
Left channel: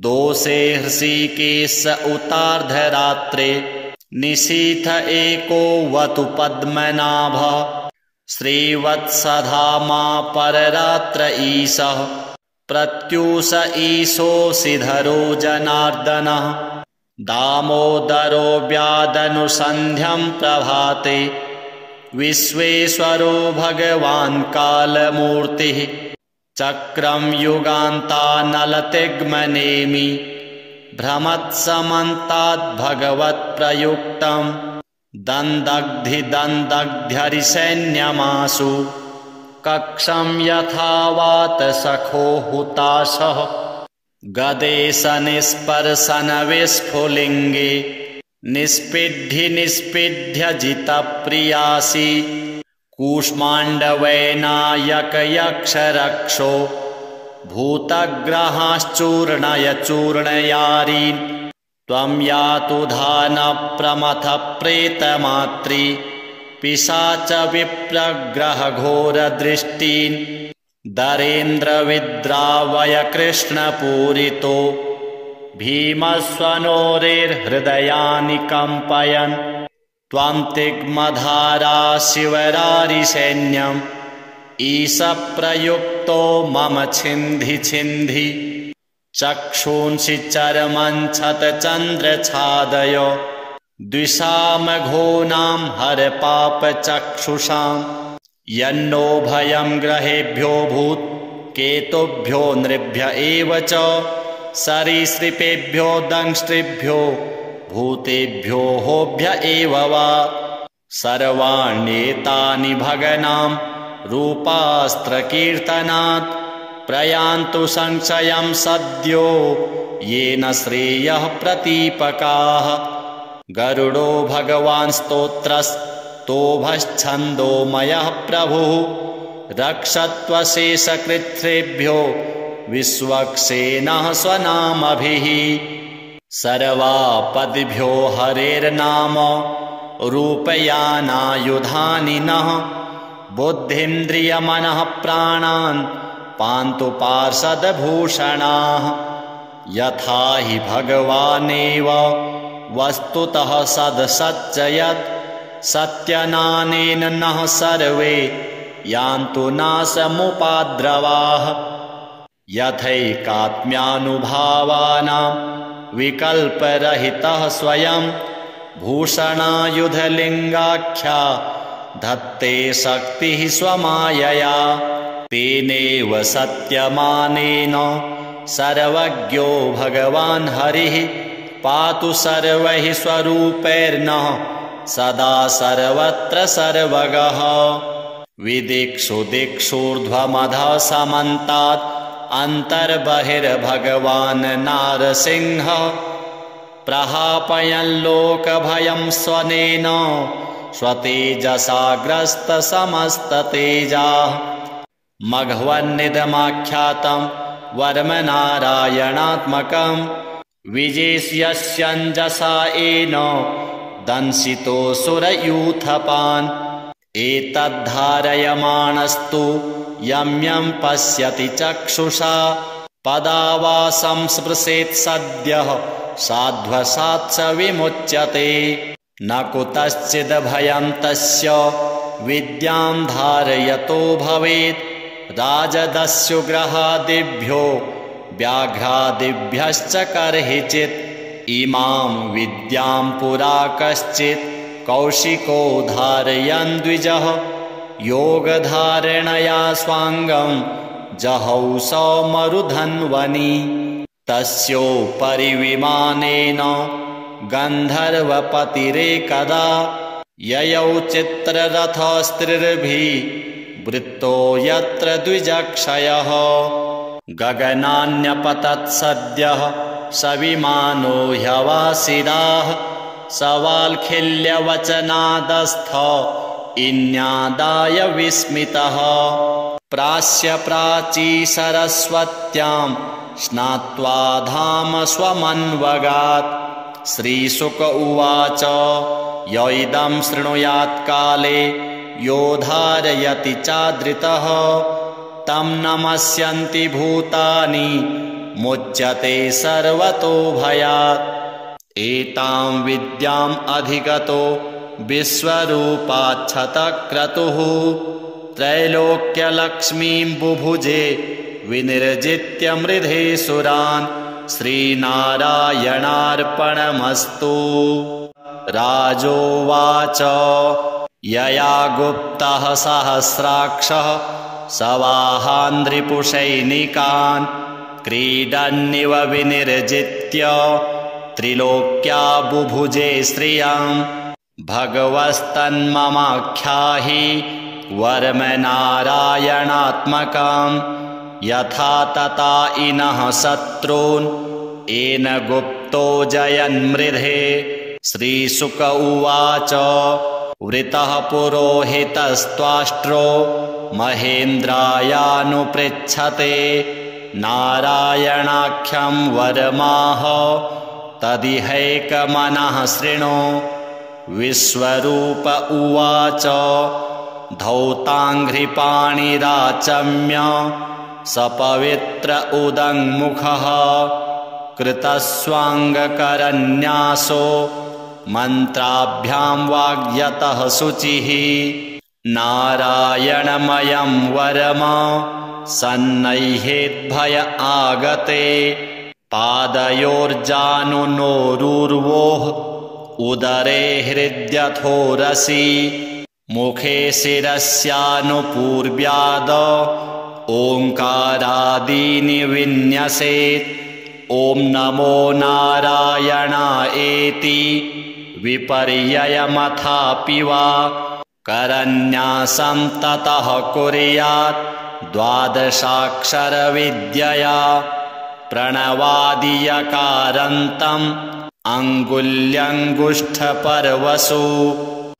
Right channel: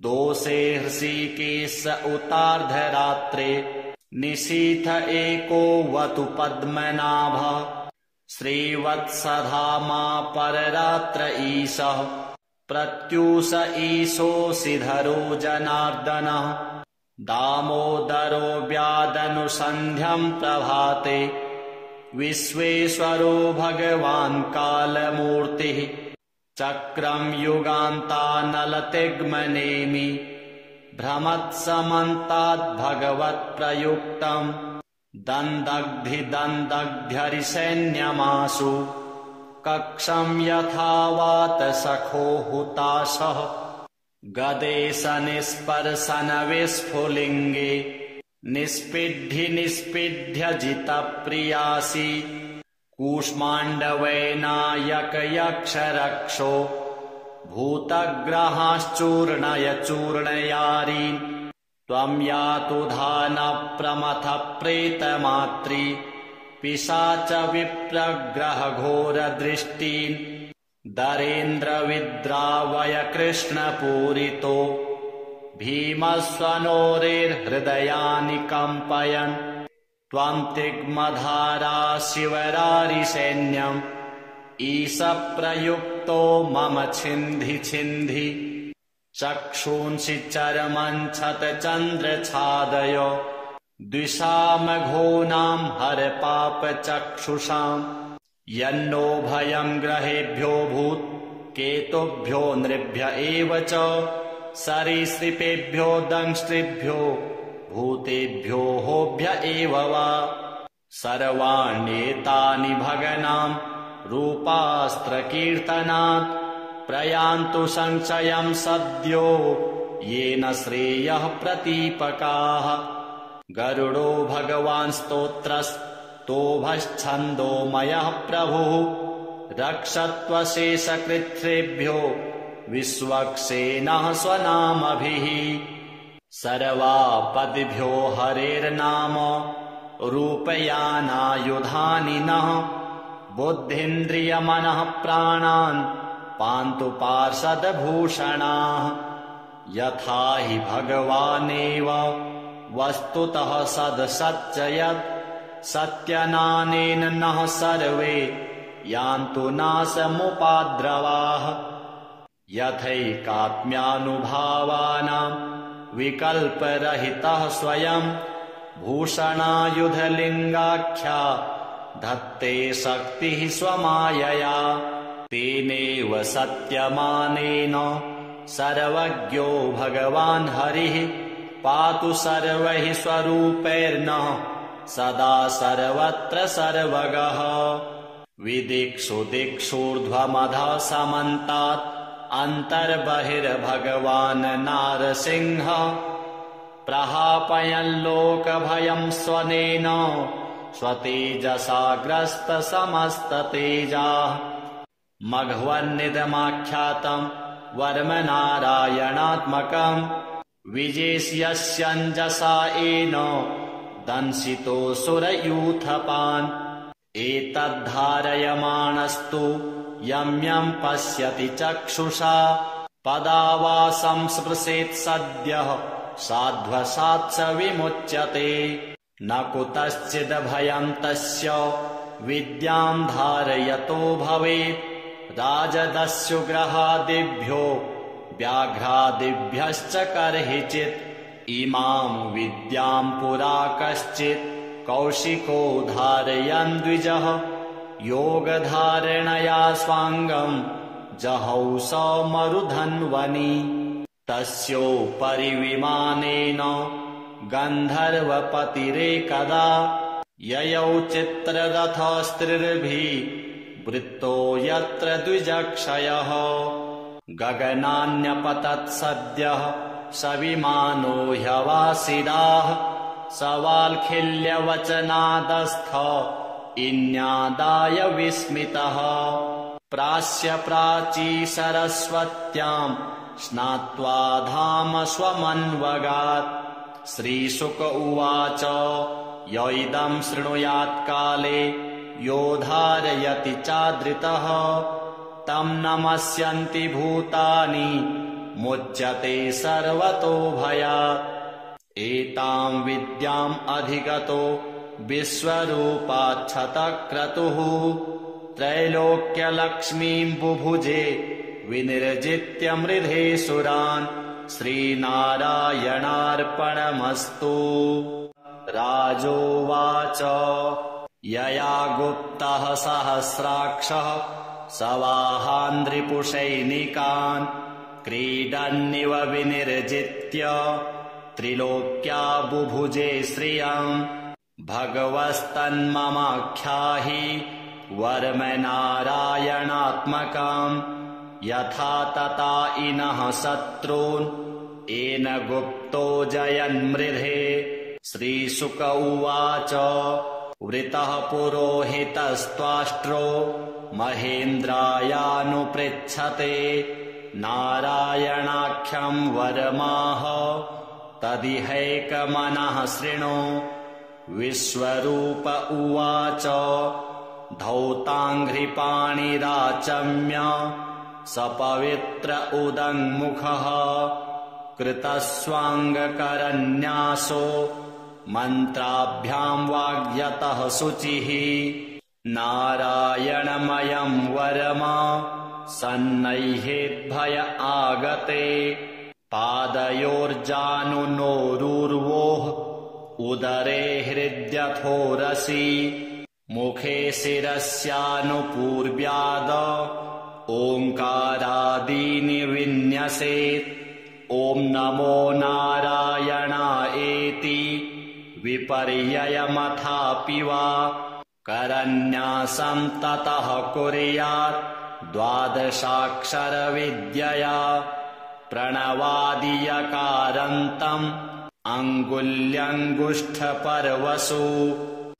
दोषे हृषीकेश उतार्धरात्रे निशीथ एको वतु पद्मनाभः श्रीवत्सधामा पररात्र ईशः प्रत्यूष ईशोऽसिधरो जनार्दनः दामोदरो व्यादनुसन्ध्यं प्रभाते विश्वेश्वरो भगवान् कालमूर्तिः चक्रं युगान्तानलतिग्मनेमि भ्रमत्समन्ताद्भगवत्प्रयुक्तं दन्दग्धिदन्दग्ध्यरिसैन्यमासु कक्षं यथावात सखो हुताशः गदेशनिस्पर्शनविस्फुलिङ्गे निष्पिड्ढ्य जितप्रियासि कूष्माण्डवैनायकयक्षरक्षो भूतग्रहाश्चूर्णय चूर्णयारीन् त्वं यातु धानप्रमथप्रेतमात्री पिशाच विप्रग्रहघोरदृष्टीन् दरेन्द्रविद्रावय कृष्णपूरितो भीमस्वनोरेर्हृदयानि कम्पयन् त्वं तिग्मधारा शिवरारिसैन्यम् ईशप्रयुक्तो मम छिन्धि छिन्धि चक्षूंसि चरमञ्छतचन्द्रछादय द्विषामघोनां हरपापचक्षुषां यन्नो भयं ग्रहेभ्यो भूत् केतुभ्यो नृभ्य एव च सरीसृपेभ्यो दंष्ट्रिभ्यो भूतेभ्यो होभ्य एव वा सर्वाण्येतानि भगनां रूपास्त्रकीर्तनात् प्रयान्तु संशयं सद्यो येन श्रेयः प्रतीपकाः गरुडो भगवान् स्तोत्रस्तोभश्छन्दोमयः प्रभुः रक्षत्वशेषकृच्छ्रेभ्यो विश्वक्सेनः स्वनामभिः सर्वापदिभ्यो हरेर्नाम रूपयानायुधानि नः बुद्धीन्द्रियमनः प्राणान् पान्तु पार्षदभूषणाः यथा हि भगवानेव वस्तुतः सदसच्चयत् सत्यनानेन नः सर्वे यान्तु नाशमुपाद्रवाः यथैकात्म्यानुभावानां विकल्परहितः स्वयं भूषणायुधलिङ्गाख्या धत्ते शक्तिः स्वमायया। तेनेव सत्यमानेन सर्वज्ञो भगवान् हरिः पातु सर्वैः स्वरूपैर्नः सदा सर्वत्र सर्वगः। विदिक्षु दिक्षूर्ध्वमधः समन्तात् अन्तर्बहिर्भगवान् नारसिंहः प्रहापयन् लोकभयं स्वनेन स्वतेजसाग्रस्तसमस्ततेजाः। मघवन्निदमाख्यातं वर्मनारायणात्मकं विजेष्यस्यञ्जसा येन दंशितोऽसुरयूथपान्। एतद्धारयमाणस्तु यं यं पश्यति चक्षुषा पदावासं स्पृशेत् सद्यः साध्वसात् स विमुच्यते। न कुतश्चिद्भयं तस्य विद्यां धारयतो भवेत् राजदस्युग्रहादिभ्यो व्याघ्रादिभ्यश्च कर्हिचित्। इमां विद्यां पुरा कश्चित् कौशिको धारयन् द्विजः योगधारणया स्वाङ्गं जहौ सौमरुधन्वनि। तस्योपरि विमानेन गन्धर्वपतिरेकदा ययौ चित्ररथस्त्रिर्भिः वृत्तो यत्र द्विजक्षयः। गगनान्यपतत् सद्यः स विमानो ह्यवासिदाः सवाल्खिल्यवचनादस्थ इन्यादाय विस्मितः। प्रास्य प्राची सरस्वत्यां स्नात्वा धाम स्वमन्वगात्। श्रीशुक उवाच य इदं शृणुयात् काले यो धारयति चादृतः तं नमस्यन्ति भूतानि मुच्यते सर्वतो भयात्। एतां विद्याम् अधिगतो विश्वरूपाच्छतक्रतुः त्रैलोक्यलक्ष्मीं बुभुजे विनिर्जित्य मृधे सुरान्। श्रीनारायणार्पणमस्तु। राजोवाच यया गुप्तः सहस्राक्षः सवाहान्ध्रिपुषैनिकान् क्रीडन्निव विनिर्जित्य त्रिलोक्या बुभुजे श्रियं। भगवस्तन्ममाख्याहि वर्मनारायणात्मकं यथा तथा इनः शत्रून् येन गुप्तो जयन्मृधे। श्रीशुक उवाच वृतः पुरोहितस्त्वाष्ट्रो महेन्द्रायानुपृच्छते नारायणाख्यं वरमाह तदिहैकमनः शृणु। विश्वरूप उवाच धौताङ्घ्रिपाणिराचम्य सपवित्र उदङ्मुखः कृतस्वाङ्गकरन्यासो मन्त्राभ्यां वाग्यतः शुचिः। नारायणमयं वरम सन्नह्येद्भय आगते पादयोर्जानुनोरुर्वोः उदरे हृद्यथोरसि मुखे शिरस्यानुपूर्व्याद ओङ्कारादीनि विन्यसेत्। ॐ नमो नारायणायेति विपर्ययमथापि वा करन्यासं ततः कुर्यात् द्वादशाक्षरविद्यया प्रणवादियकारान्तम् अङ्गुल्यङ्गुष्ठपर्वसु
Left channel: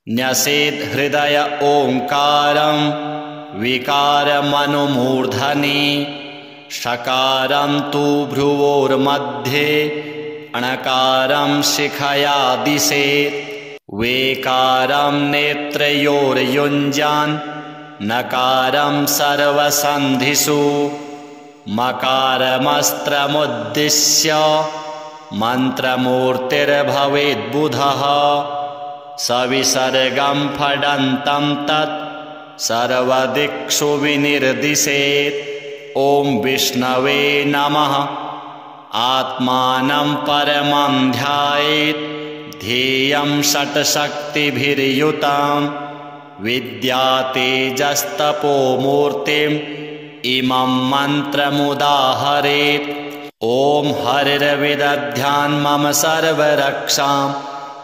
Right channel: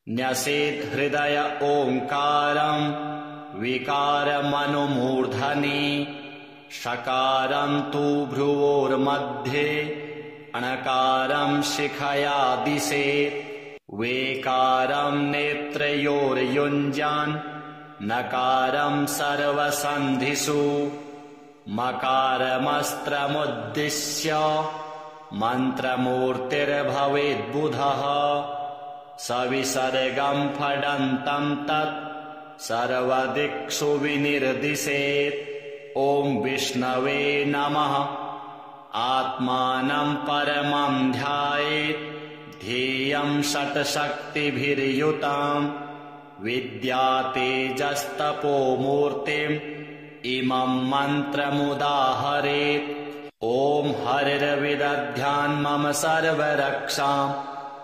न्यसेत् हृदय ओङ्कारं विकारमनुमूर्धनि। षकारं तु भ्रुवोर्मध्ये णकारं शिखया दिशेत्। वेकारं नेत्रयोर्युञ्जान् नकारं सर्वसन्धिषु। मकारमस्त्रमुद्दिश्य मन्त्रमूर्तिर्भवेद्बुधः सविसर्गं फडन्तं तत् सर्वदिक्षु विनिर्दिशेत्। ॐ विष्णवे नमः। आत्मानं परमं ध्यायेत् ध्येयं षट्शक्तिभिर्युतां विद्यातेजस्तपोमूर्तिम् इमं मन्त्रमुदाहरेत्। ॐ हरिर्विदध्यान् मम सर्वरक्षां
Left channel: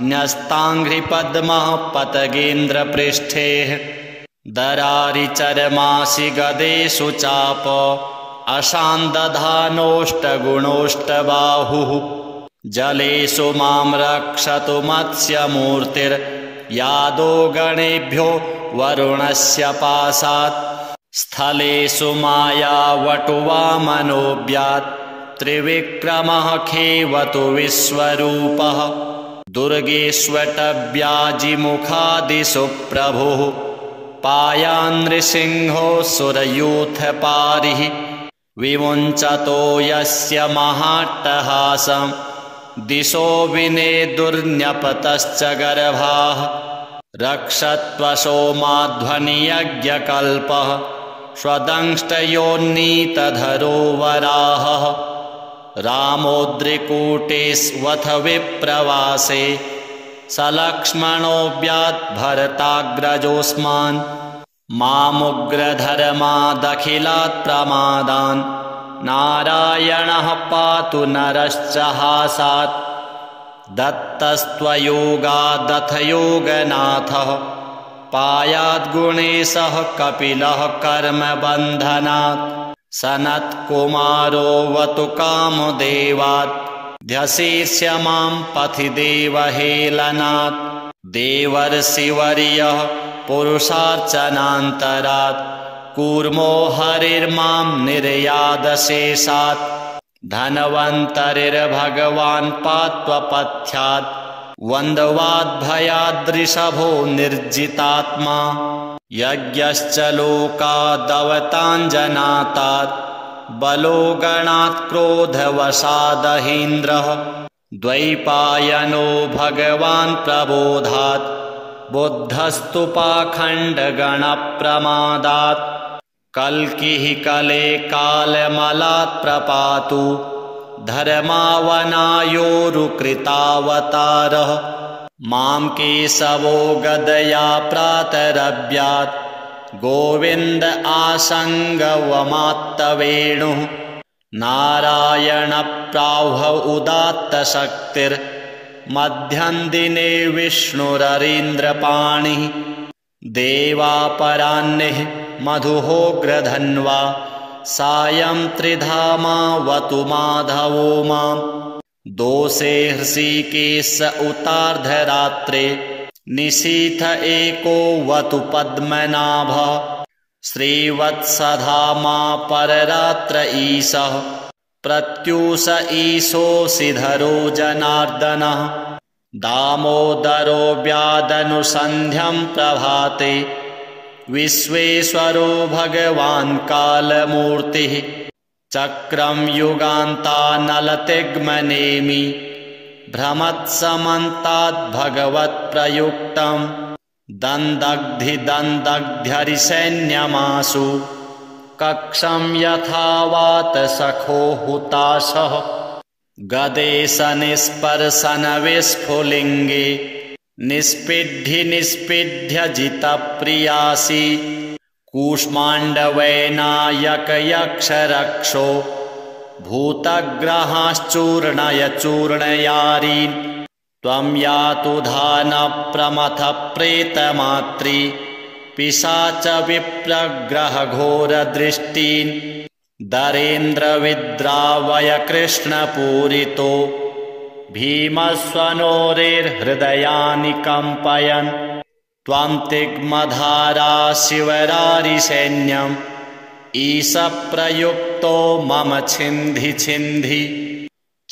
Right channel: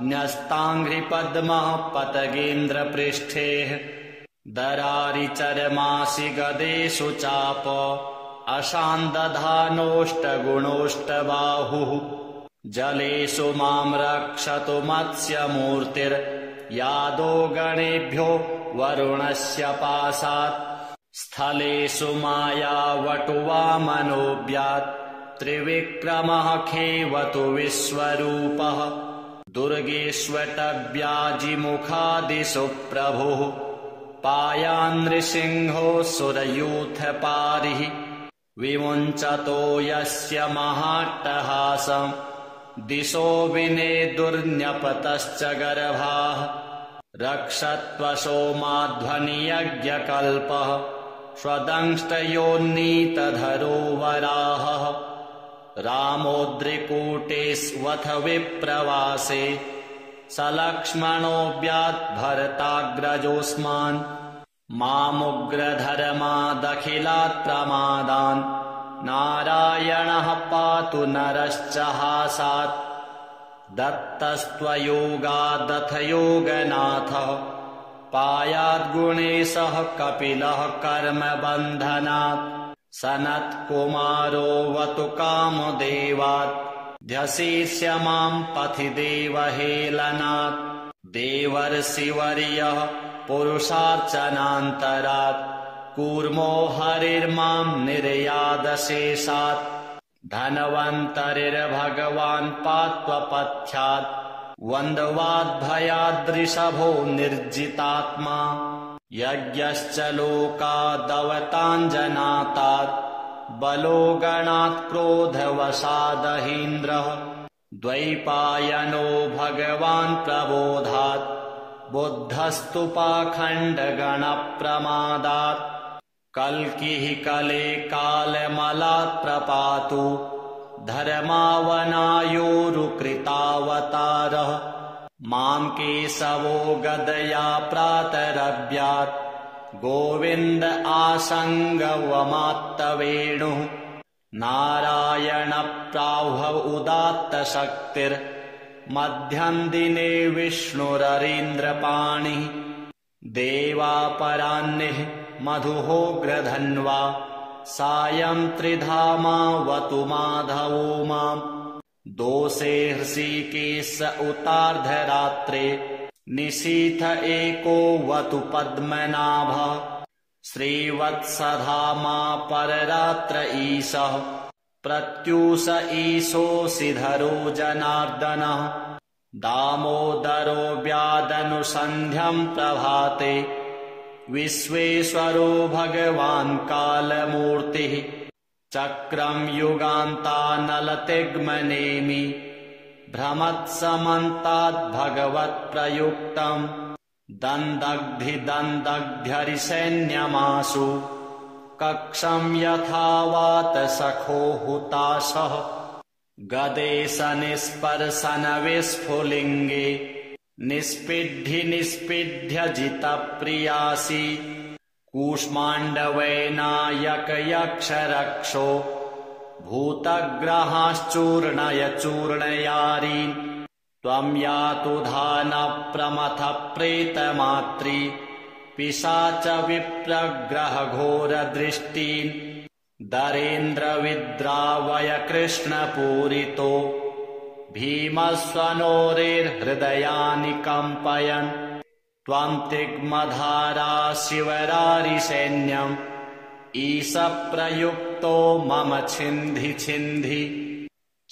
न्यस्ताङ्घ्रिपद्मः पतगेन्द्रपृष्ठे दरारिचर्मासि गदेषु चाप अशान्दधानोष्टगुणोष्टबाहुः जलेषु मां रक्षतु मत्स्यमूर्तिर्यादो गणेभ्यो वरुणस्य पाशात् स्थलेषु मायावटुवामनोऽव्यात् त्रिविक्रमः खेवतु विश्वरूपः दुर्गेष्वटव्याजिमुखादिषु प्रभुः पायान्नृसिंहो सुरयूथपारिः विमुञ्चतो यस्य महाट्टहासं दिशो विनेदुर्न्यपतश्च गर्भाः रक्षत्वसोमाध्वनियज्ञकल्पः स्वदंष्टयोन्नीतधरो वराहः रामोद्रिकूटेष्वथ विप्रवासे सलक्ष्मणोऽव्यात् भरताग्रजोऽस्मान् मामुग्रधर्मादखिलात् प्रमादान् नारायणः पातु नरश्च हासात् दत्तस्त्वयोगादथ योगनाथः पायाद्गुणेशः कपिलः कर्मबन्धनात् सनत्कुमारोऽवतु कामदेवात् ध्यशीर्ष्य मां पथि देवहेलनात् देवर्षिवर्यः पुरुषार्चनान्तरात् कूर्मो हरिर्मां निर्यादशेषात् धन्वन्तरिर्भगवान् पात्वपथ्यात् वन्द्वाद्भयाद्रिषभो निर्जितात्मा यज्ञश्च लोकादवताञ्जनातात् बलो गणात् क्रोधवशादहीन्द्रः द्वैपायनो भगवान् प्रबोधात् बुद्धस्तु पाखण्डगणप्रमादात् कल्किः कले कालमलात् प्रपातु धर्मावनायोरुकृतावतारः मां केशवो गदया प्रातरव्यात् गोविन्द आसङ्गवमात्तवेणुः नारायणप्राह्व उदात्तशक्तिर्मध्यं दिने विष्णुररीन्द्रपाणिः देवापराह्निः मधुहोग्रधन्वा सायं त्रिधामावतु माधवो मां दोषे हृषीकेश उतार्धरात्रे निशीथ एकोऽवतु पद्मनाभः श्रीवत्सधामा पररात्र ईशः प्रत्यूष ईशोऽसिधरो जनार्दनः दामोदरो व्यादनुसन्ध्यं प्रभाते विश्वेश्वरो भगवान् कालमूर्तिः चक्रं युगान्तानलतिग्मनेमि भ्रमत्समन्ताद् भगवत्प्रयुक्तं दन्दग्धिदन्दग्ध्यरिसैन्यमासु कक्षं यथावात सखो हुताशः गदेशनिस्पर्शनविस्फुलिङ्गे निष्पिड्ढ्य जितप्रियासि कूष्माण्डवैनायकयक्षरक्षो भूतग्रहाश्चूर्णय चूर्णयारीन् त्वं यातु धानप्रमथप्रेतमात्री पिशाच विप्रग्रहघोरदृष्टीन् दरेन्द्रविद्रावय कृष्णपूरितो भीमस्वनोरेर्हृदयानि कम्पयन् त्वं तिग्मधारा शिवरारिसैन्यम् ईशप्रयुक्तो मम छिन्धि छिन्धि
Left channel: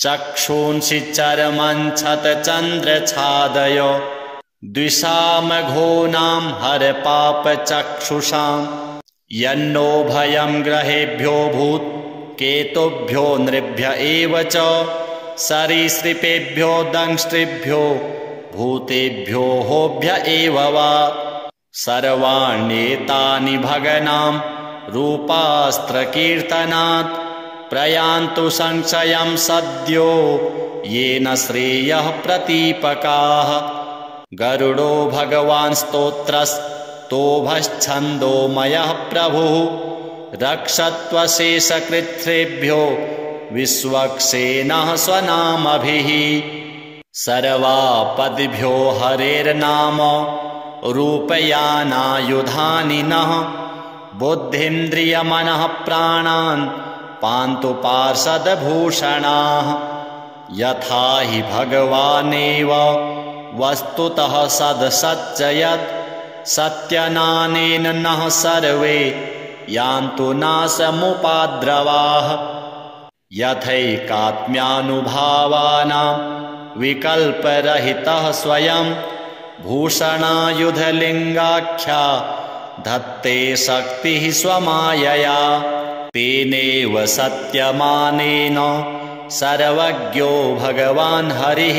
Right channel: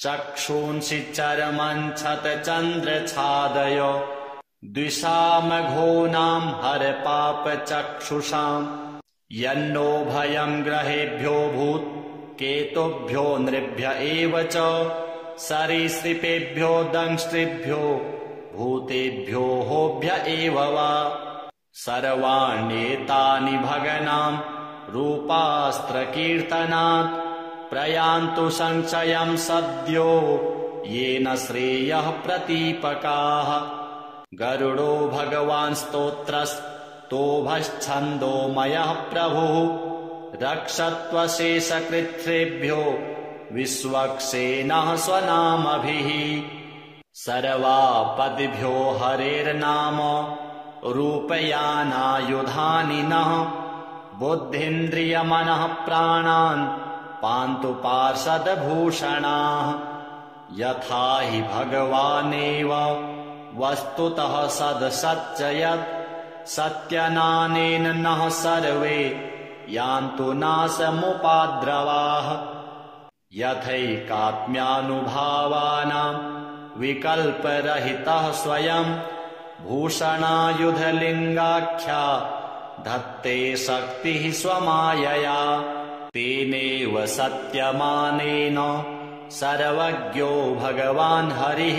चक्षूंसि चर्मञ्छतचन्द्रछादय द्विषामघोनां हरपापचक्षुषां यन्नो भयं ग्रहेभ्यो भूत् केतुभ्यो नृभ्य एव च सरीसृपेभ्यो दंष्ट्रिभ्यो भूतेभ्यो होभ्य एव वा सर्वाण्येतानि भगनां रूपास्त्रकीर्तनात् प्रयान्तु संशयं सद्यो येन श्रेयः प्रतीपकाः गरुडो भगवान् स्तोत्रस्तोभश्छन्दोमयः प्रभुः रक्षत्वशेषकृच्छ्रेभ्यो विश्वक्सेनः स्वनामभिः सर्वापदिभ्यो हरेर्नाम रूपयानायुधानि नः बुद्धीन्द्रियमनः प्राणान् पान्तु पार्षदभूषणाः यथा हि भगवानेव वस्तुतः सदसच्चयत् सत्यनानेन नः सर्वे यान्तु नाशमुपाद्रवाः यथैकात्म्यानुभावानां विकल्परहितः स्वयं भूषणायुधलिङ्गाख्या धत्ते शक्तिः स्वमायया तेनेव सत्यमानेन सर्वज्ञो भगवान् हरिः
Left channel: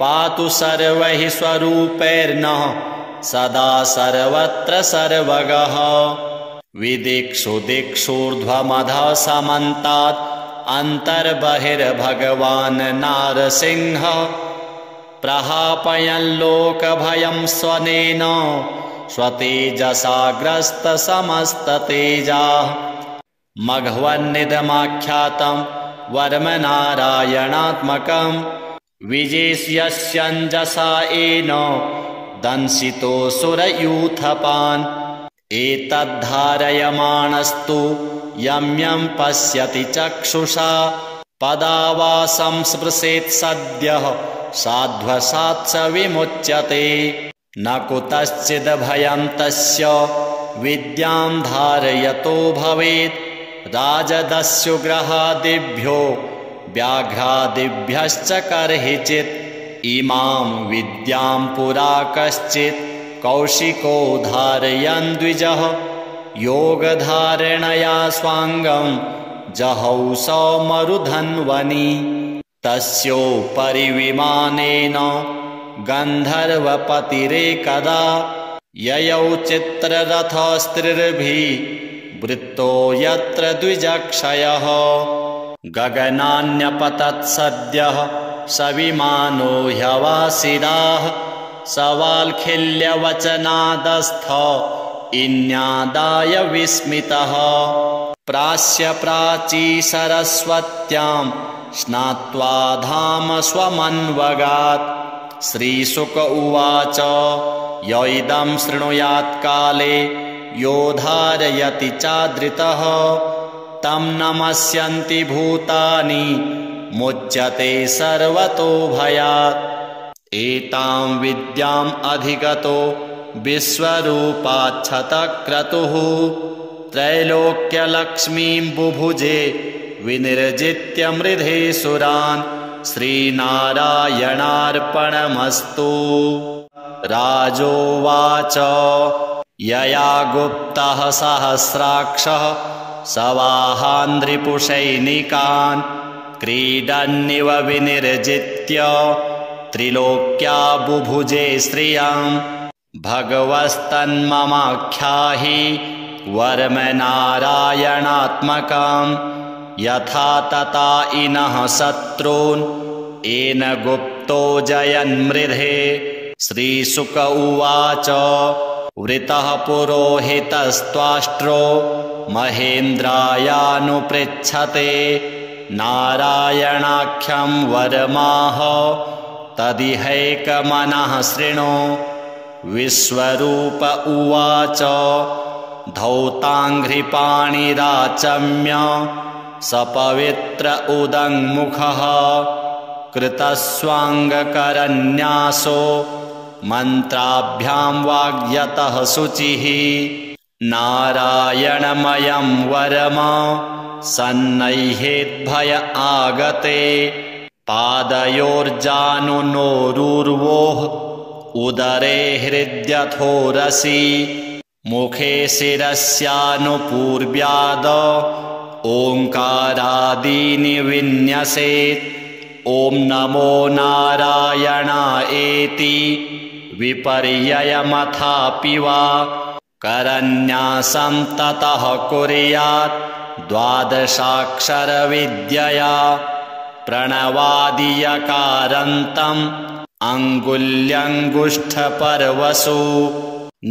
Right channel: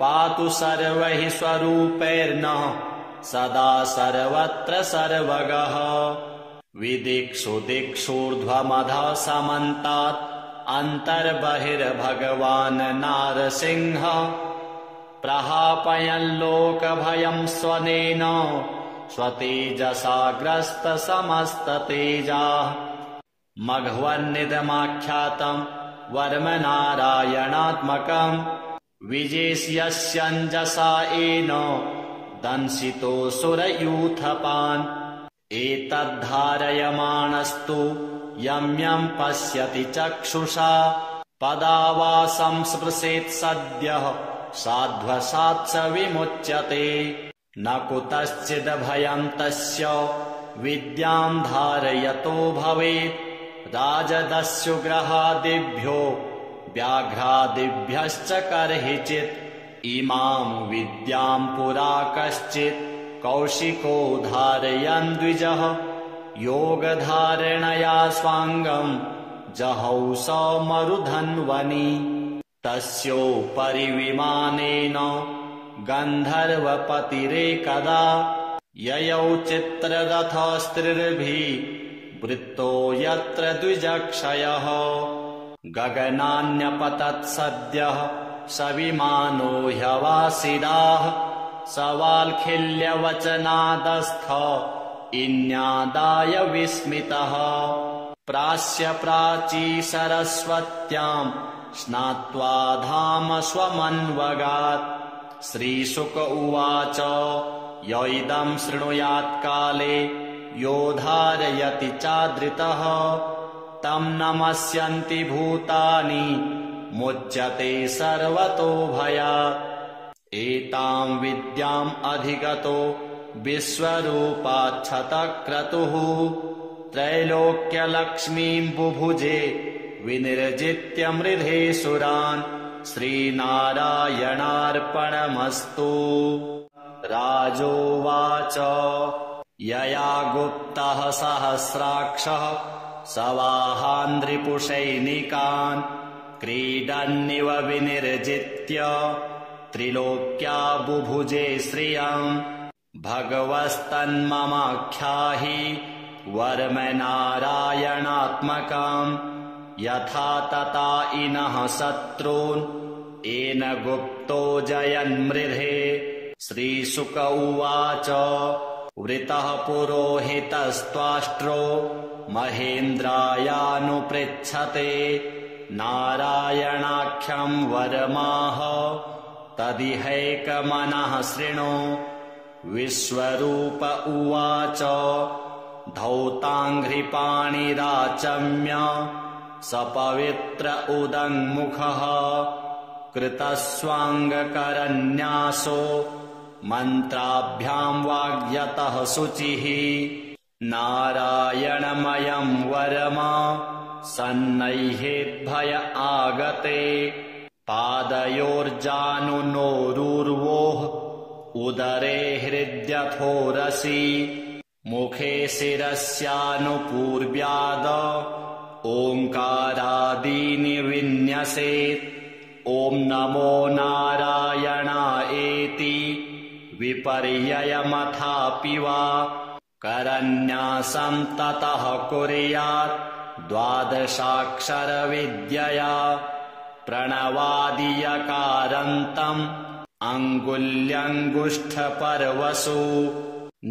पातु सर्वैः स्वरूपैर्नः सदा सर्वत्र सर्वगः विदिक्षु दिक्षूर्ध्वमधः समन्तात् अन्तर्बहिर्भगवान् नारसिंहः प्रहापयन् लोकभयं स्वनेन स्वतेजसाग्रस्तसमस्ततेजाः मघवन्निदमाख्यातं वर्मनारायणात्मकं विजेष्यस्यञ्जसा येन दंशितोऽसुरयूथपान् एतद्धारयमाणस्तु यं यं पश्यति चक्षुषा पदावासं स्पृशेत् सद्यः साध्वसात् स विमुच्यते न कुतश्चिद्भयं तस्य विद्यां धारयतो भवेत् राजदस्युग्रहादिभ्यो व्याघ्रादिभ्यश्च कर्हिचित् इमां विद्यां पुरा कश्चित् कौशिको धारयन् द्विजः योगधारणया स्वाङ्गं जहौ सौमरुधन्वनि तस्योपरि विमानेन गन्धर्वपतिरेकदा ययौ चित्ररथस्त्रिर्भिः वृत्तो यत्र द्विजक्षयः गगनान्यपतत् सद्यः सविमानो ह्यवासिदाः सवाल्खिल्यवचनादस्थ इन्यादाय विस्मितः प्रास्य प्राची सरस्वत्यां स्नात्वा धाम स्वमन्वगात् श्रीशुक उवाच य इदं शृणुयात् काले यो धारयति चादृतः तं नमस्यन्ति भूतानि मुच्यते सर्वतो भयात् एतां विद्याम् अधिगतो विश्वरूपाच्छतक्रतुः त्रैलोक्यलक्ष्मीं बुभुजे विनिर्जित्य मृधे सुरान् श्रीनारायणार्पणमस्तु राजोवाच यया गुप्तः सहस्राक्षः सवाहान्ध्रिपुषैनिकान् क्रीडन्निव विनिर्जित्य त्रिलोक्या बुभुजे श्रियं भगवस्तन्ममाख्याहि वर्मनारायणात्मकं यथा तथा इनः शत्रून् येन गुप्तो जयन्मृधे श्रीशुक उवाच वृतः पुरोहितस्त्वाष्ट्रो महेन्द्रायानुपृच्छते नारायणाख्यं वरमाह तदिहैकमनः शृणु विश्वरूप उवाच धौताङ्घ्रिपाणिराचम्य सपवित्र उदङ्मुखः कृतस्वाङ्गकरन्यासो मन्त्राभ्यां वाग्यतः शुचिः नारायणमयं वरम सन्नह्येद्भय आगते पादयोर्जानुनोरुर्वोः उदरे हृद्यथोरसि मुखे शिरस्यानुपूर्व्याद ओङ्कारादीनि विन्यसेत् ॐ नमो नारायणायेति विपर्ययमथापि वा करन्यासं ततः कुर्यात् द्वादशाक्षरविद्यया प्रणवादियकारन्तम् अङ्गुल्यङ्गुष्ठपर्वसु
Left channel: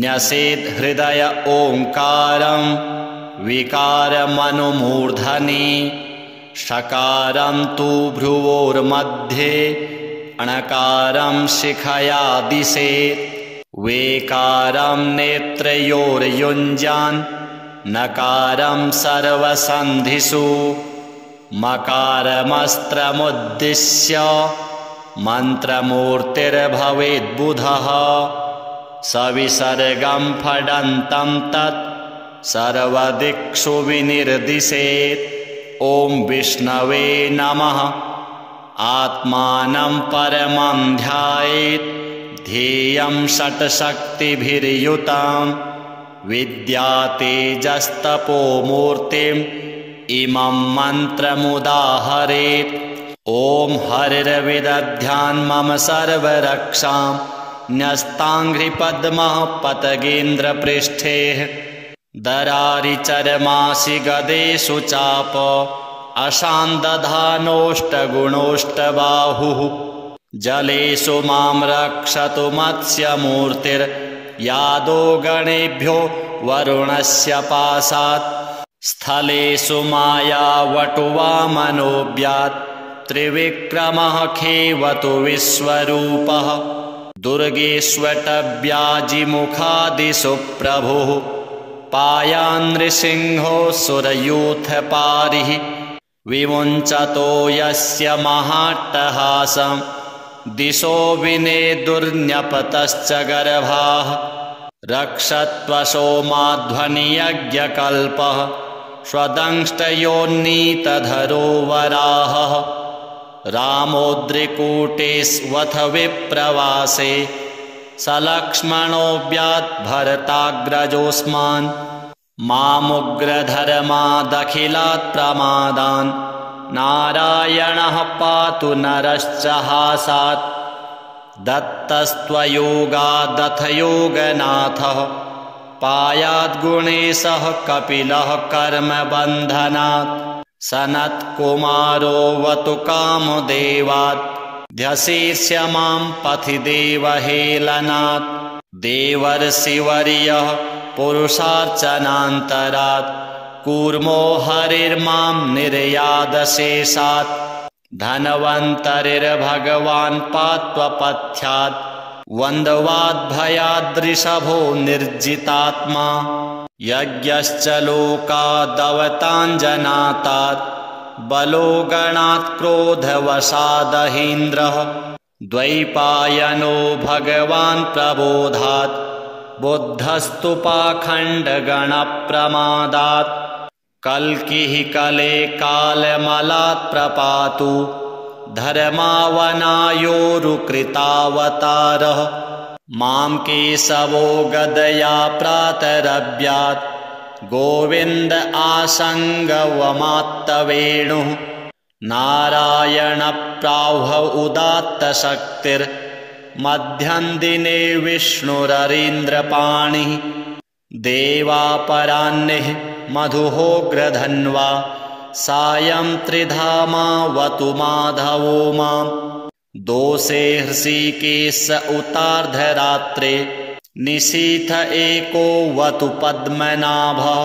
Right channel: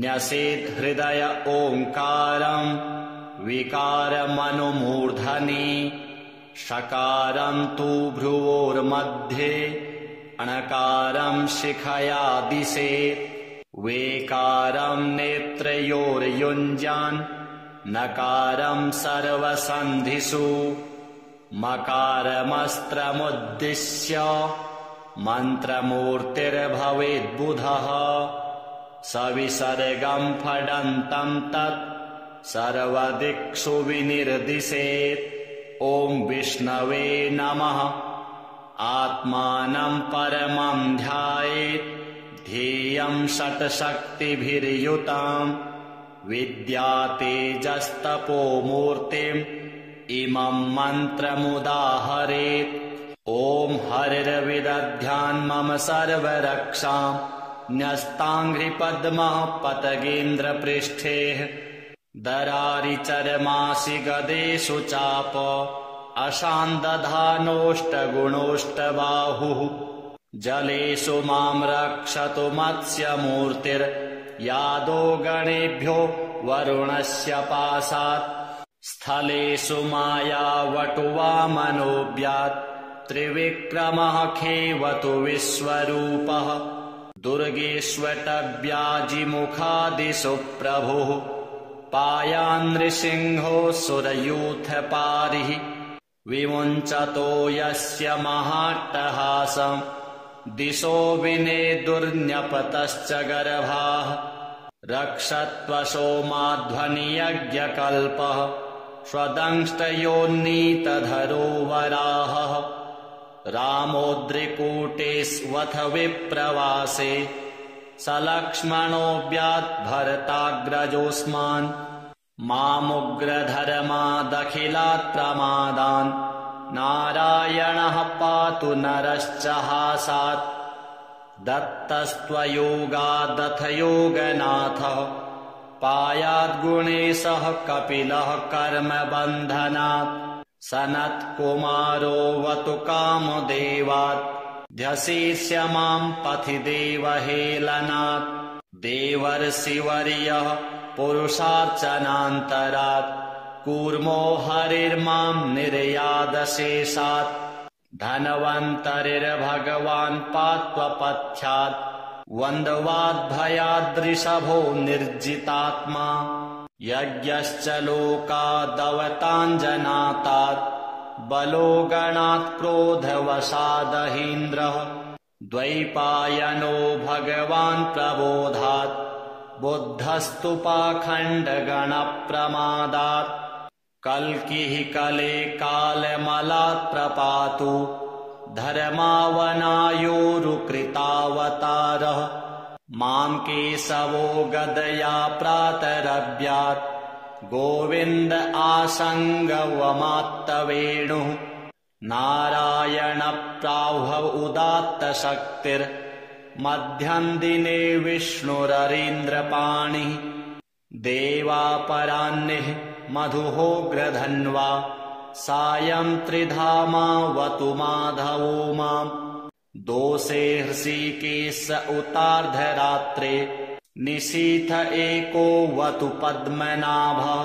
न्यसेत् हृदय ओङ्कारं विकारमनुमूर्धनि षकारं तु भ्रुवोर्मध्ये णकारं शिखया दिशेत् वेकारं नेत्रयोर्युञ्जान् नकारं सर्वसन्धिषु मकारमस्त्रमुद्दिश्य मन्त्रमूर्तिर्भवेद्बुधः सविसर्गं फडन्तं तत् सर्वदिक्षु विनिर्दिशेत् ॐ विष्णवे नमः। आत्मानं परमं ध्यायेत् ध्येयं षट्शक्तिभिर्युतां विद्यातेजस्तपोमूर्तिम् इमं मन्त्रमुदाहरेत्। ॐ हरिर्विदध्यान् मम सर्वरक्षां न्यस्ताङ्घ्रिपद्मः पतगेन्द्रपृष्ठे दरारिचर्मासि गदेषु चाप अशान्दधानोष्टगुणोष्टबाहुः जलेषु मां रक्षतु मत्स्यमूर्तिर्यादो गणेभ्यो वरुणस्य पाशात् स्थलेषु मायावटुवामनोऽव्यात् त्रिविक्रमः खेवतु विश्वरूपः दुर्गेष्वटव्याजिमुखादिषु प्रभुः पायान्नृसिंहो सुरयूथपारिः विमुञ्चतो यस्य महाट्टहासं दिशो विनेदुर्न्यपतश्च गर्भाः रक्षत्वसोमाध्वनियज्ञकल्पः स्वदंष्टयोन्नीतधरो वराहः रामोद्रिकूटेष्वथ विप्रवासे सलक्ष्मणोऽव्यात् भरताग्रजोऽस्मान् मामुग्रधर्मादखिलात् प्रमादान् नारायणः पातु नरश्च हासात् दत्तस्त्वयोगादथ योगनाथः पायाद्गुणेशः कपिलः कर्मबन्धनात् सनत्कुमारोऽवतु कामदेवात् ध्यशीर्ष्य मां पथि देवहेलनात् देवर्षिवर्यः पुरुषार्चनान्तरात् कूर्मो हरिर्मां निर्यादशेषात् धन्वन्तरिर्भगवान् पात्वपथ्यात् वन्द्वाद्भयाद्रिषभो निर्जितात्मा यज्ञश्च लोकादवताञ्जनातात् बलो गणात् क्रोधवशादहीन्द्रः द्वैपायनो भगवान् प्रबोधात् बुद्धस्तु पाखण्डगणप्रमादात् कल्किः कले कालमलात् प्रपातु धर्मावनायोरुकृतावतारः मां केशवो गदया प्रातरव्यात् गोविन्द आसङ्गवमात्तवेणुः नारायणप्राह्व उदात्तशक्तिर्मध्यं दिने विष्णुररीन्द्रपाणिः देवापराह्निः मधुहोग्रधन्वा सायं त्रिधामावतु माधवो मां दोषे हृषीकेश उतार्धरात्रे निशीथ एको वतु पद्मनाभः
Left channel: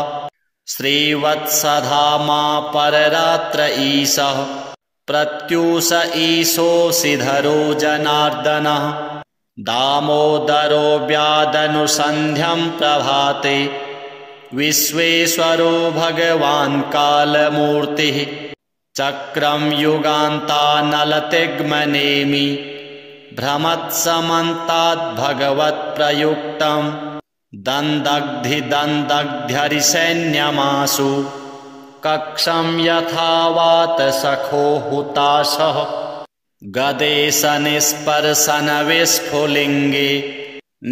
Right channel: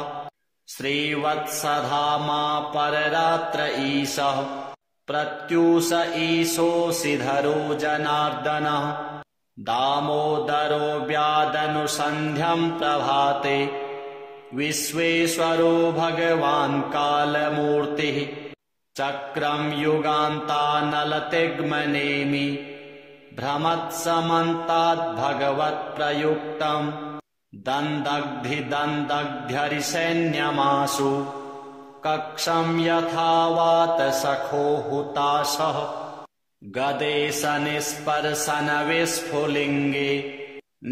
श्रीवत्सधामा पररात्र ईशः प्रत्यूष ईशोऽसिधरो जनार्दनः दामोदरो व्यादनुसन्ध्यं प्रभाते विश्वेश्वरो भगवान् कालमूर्तिः चक्रं युगान्तानलतिग्मनेमि भ्रमत्समन्ताद्भगवत्प्रयुक्तं दन्दग्धिदन्दग्ध्यरिसैन्यमासु कक्षं यथावात सखो हुताशः गदेश निस्पर्शन विस्फुलिङ्गे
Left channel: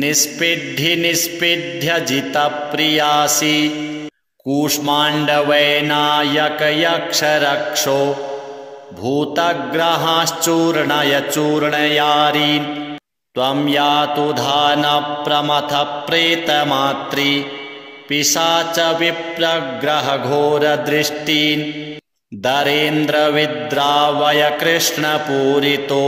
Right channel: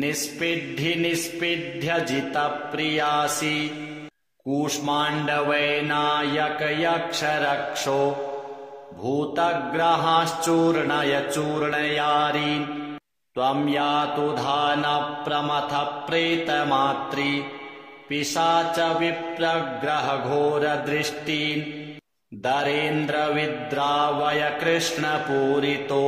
निष्पिड्ढ्य जितप्रियासि कूष्माण्डवैनायक यक्षरक्षो भूतग्रहाश्चूर्णय चूर्णयारीन् त्वं यातु धान प्रमथ प्रेतमात्री पिशाच विप्रग्रहघोरदृष्टीन् दरेन्द्रविद्रावय कृष्णपूरितो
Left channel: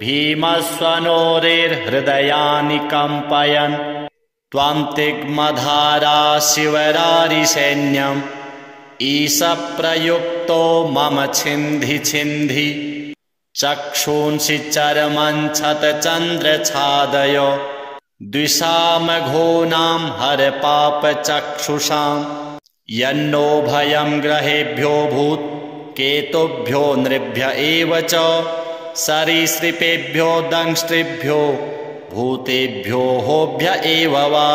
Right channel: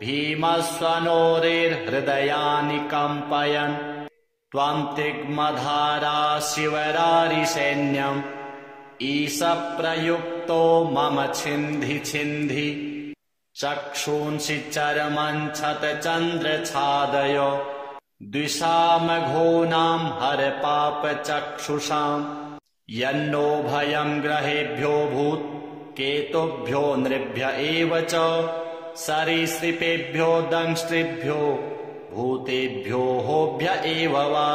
भीमस्वनोरेर्हृदयानि कम्पयन् त्वां तिग्मधारा शिवरारिसैन्यम् ईशप्रयुक्तो मम छिन्धि छिन्धि चक्षूंसि चरमञ्छतचन्द्रछादय द्विषामघोनां हरपापचक्षुषाम् यन्नो भयं ग्रहेभ्यो भूत् केतुभ्यो नृभ्य एव च सरीसृपेभ्यो दंष्ट्रिभ्यो भूतेभ्यो होभ्य एव वा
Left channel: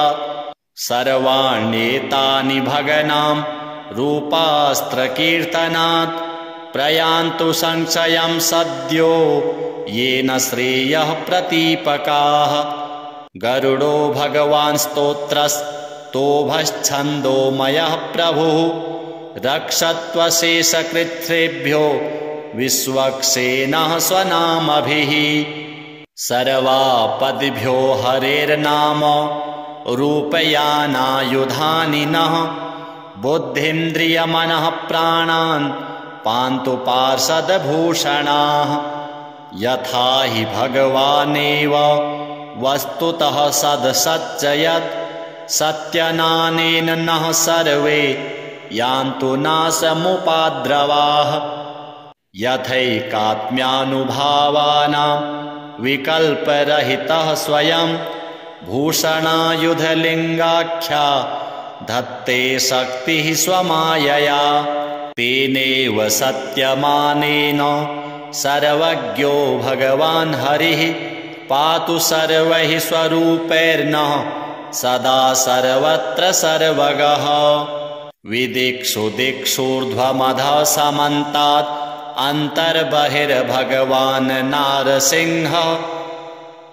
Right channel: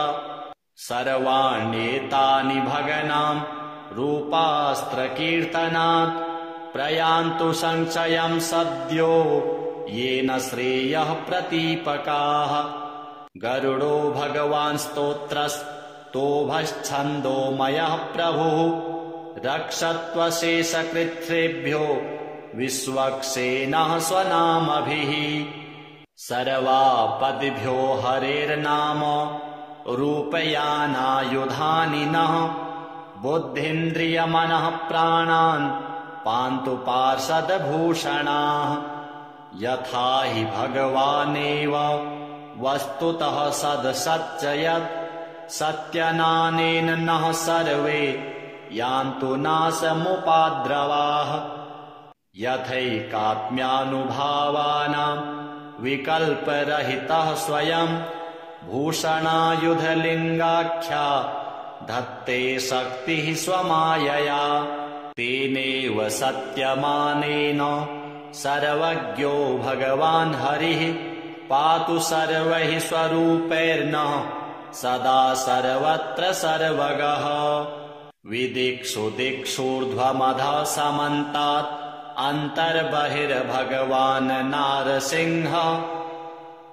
सर्वाण्येतानि भगनां रूपास्त्रकीर्तनात् प्रयान्तु संशयं सद्यो येन श्रेयः प्रतीपकाः गरुडो भगवान् स्तोत्रस्तोभश्छन्दोमयः प्रभुः रक्षत्वशेषकृच्छ्रेभ्यो विश्वक्सेनः स्वनामभिः सर्वापदिभ्यो हरेर्नाम रूपयानायुधानि नः बुद्धीन्द्रियमनः प्राणान् पान्तु पार्षदभूषणाः यथा हि भगवानेव वस्तुतः सदसच्चयत् सत्यनानेन नः सर्वे यान्तु नाशमुपाद्रवाः यथैकात्म्यानुभावानां विकल्परहितः स्वयं भूषणायुधलिङ्गाख्या धत्ते शक्तिः स्वमायया तेनेव सत्यमानेन सर्वज्ञो भगवान् हरिः पातु सर्वैः स्वरूपैर्नः सदा सर्वत्र सर्वगः विदिक्षु दिक्षूर्ध्वमधः समन्तात् अन्तर्बहिर्भगवान् नारसिंह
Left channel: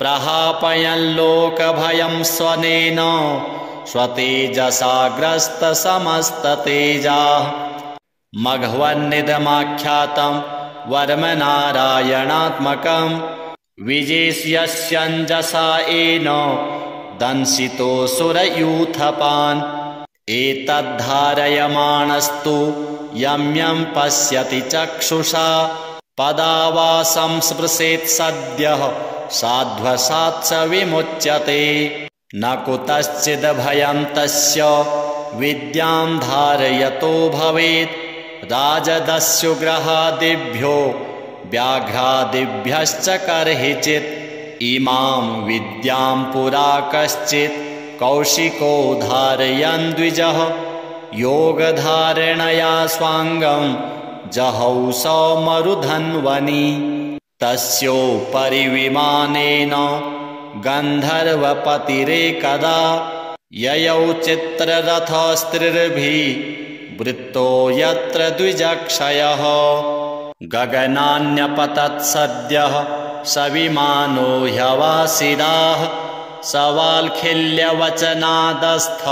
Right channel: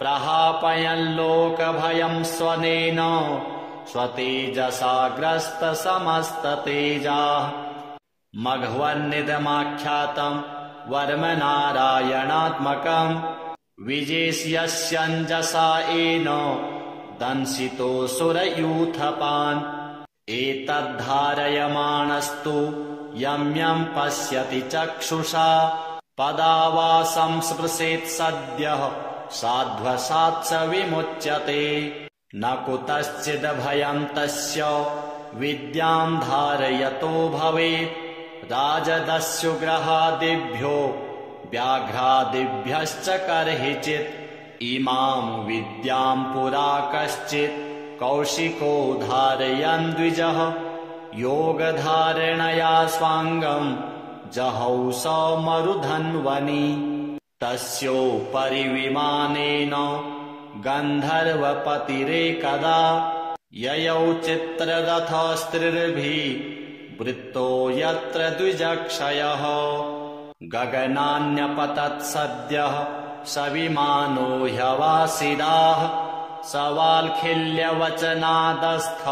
प्रहापयन् लोकभयं स्वनेन स्वतेजसाग्रस्तसमस्ततेजाः मघवन्निदमाख्यातं वर्मनारायणात्मकं विजेष्यस्यञ्जसा येन दंशितोऽसुरयूथपान् एतद्धारयमाणस्तु यं यं पश्यति चक्षुषा पदावासं स्पृशेत् सद्यः साध्वसात् स विमुच्यते न कुतश्चिद्भयं तस्य विद्यां धारयतो भवेत् राजदस्युग्रहादिभ्यो व्याघ्रादिभ्यश्च कर्हिचित् इमां विद्यां पुरा कश्चित् कौशिको धारयन् द्विजः योगधारणया स्वाङ्गं जहौ सौमरुधन्वनि तस्योपरि विमानेन गन्धर्वपतिरेकदा ययौ चित्ररथस्त्रिर्भिः वृत्तो यत्र द्विजक्षयः गगनान्यपतत् सद्यः सविमानो ह्यवासिदाः सवाल्खिल्यवचनादस्थ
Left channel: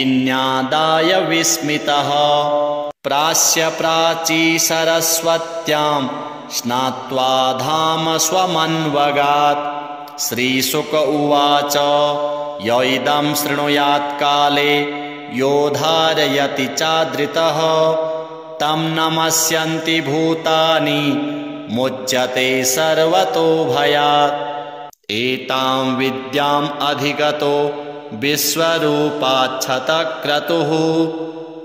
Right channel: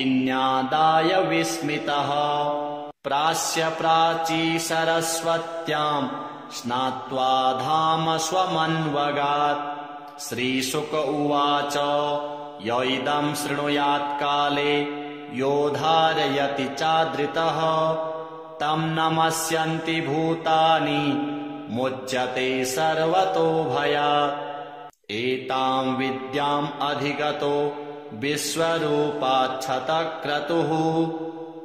इन्यादाय विस्मितः प्रास्य प्राची सरस्वत्यां स्नात्वा धाम स्वमन्वगात् श्रीशुक उवाच य इदं शृणुयात् काले यो धारयति चादृतः तं नमस्यन्ति भूतानि मुच्यते सर्वतो भयात् एतां विद्याम् अधिगतो विश्वरूपाच्छतक्रतुः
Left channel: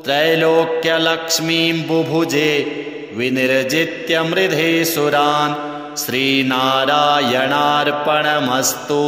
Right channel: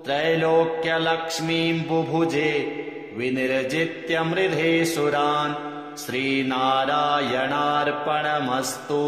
त्रैलोक्यलक्ष्मीं बुभुजे विनिर्जित्य मृधे सुरान् श्रीनारायणार्पणमस्तु।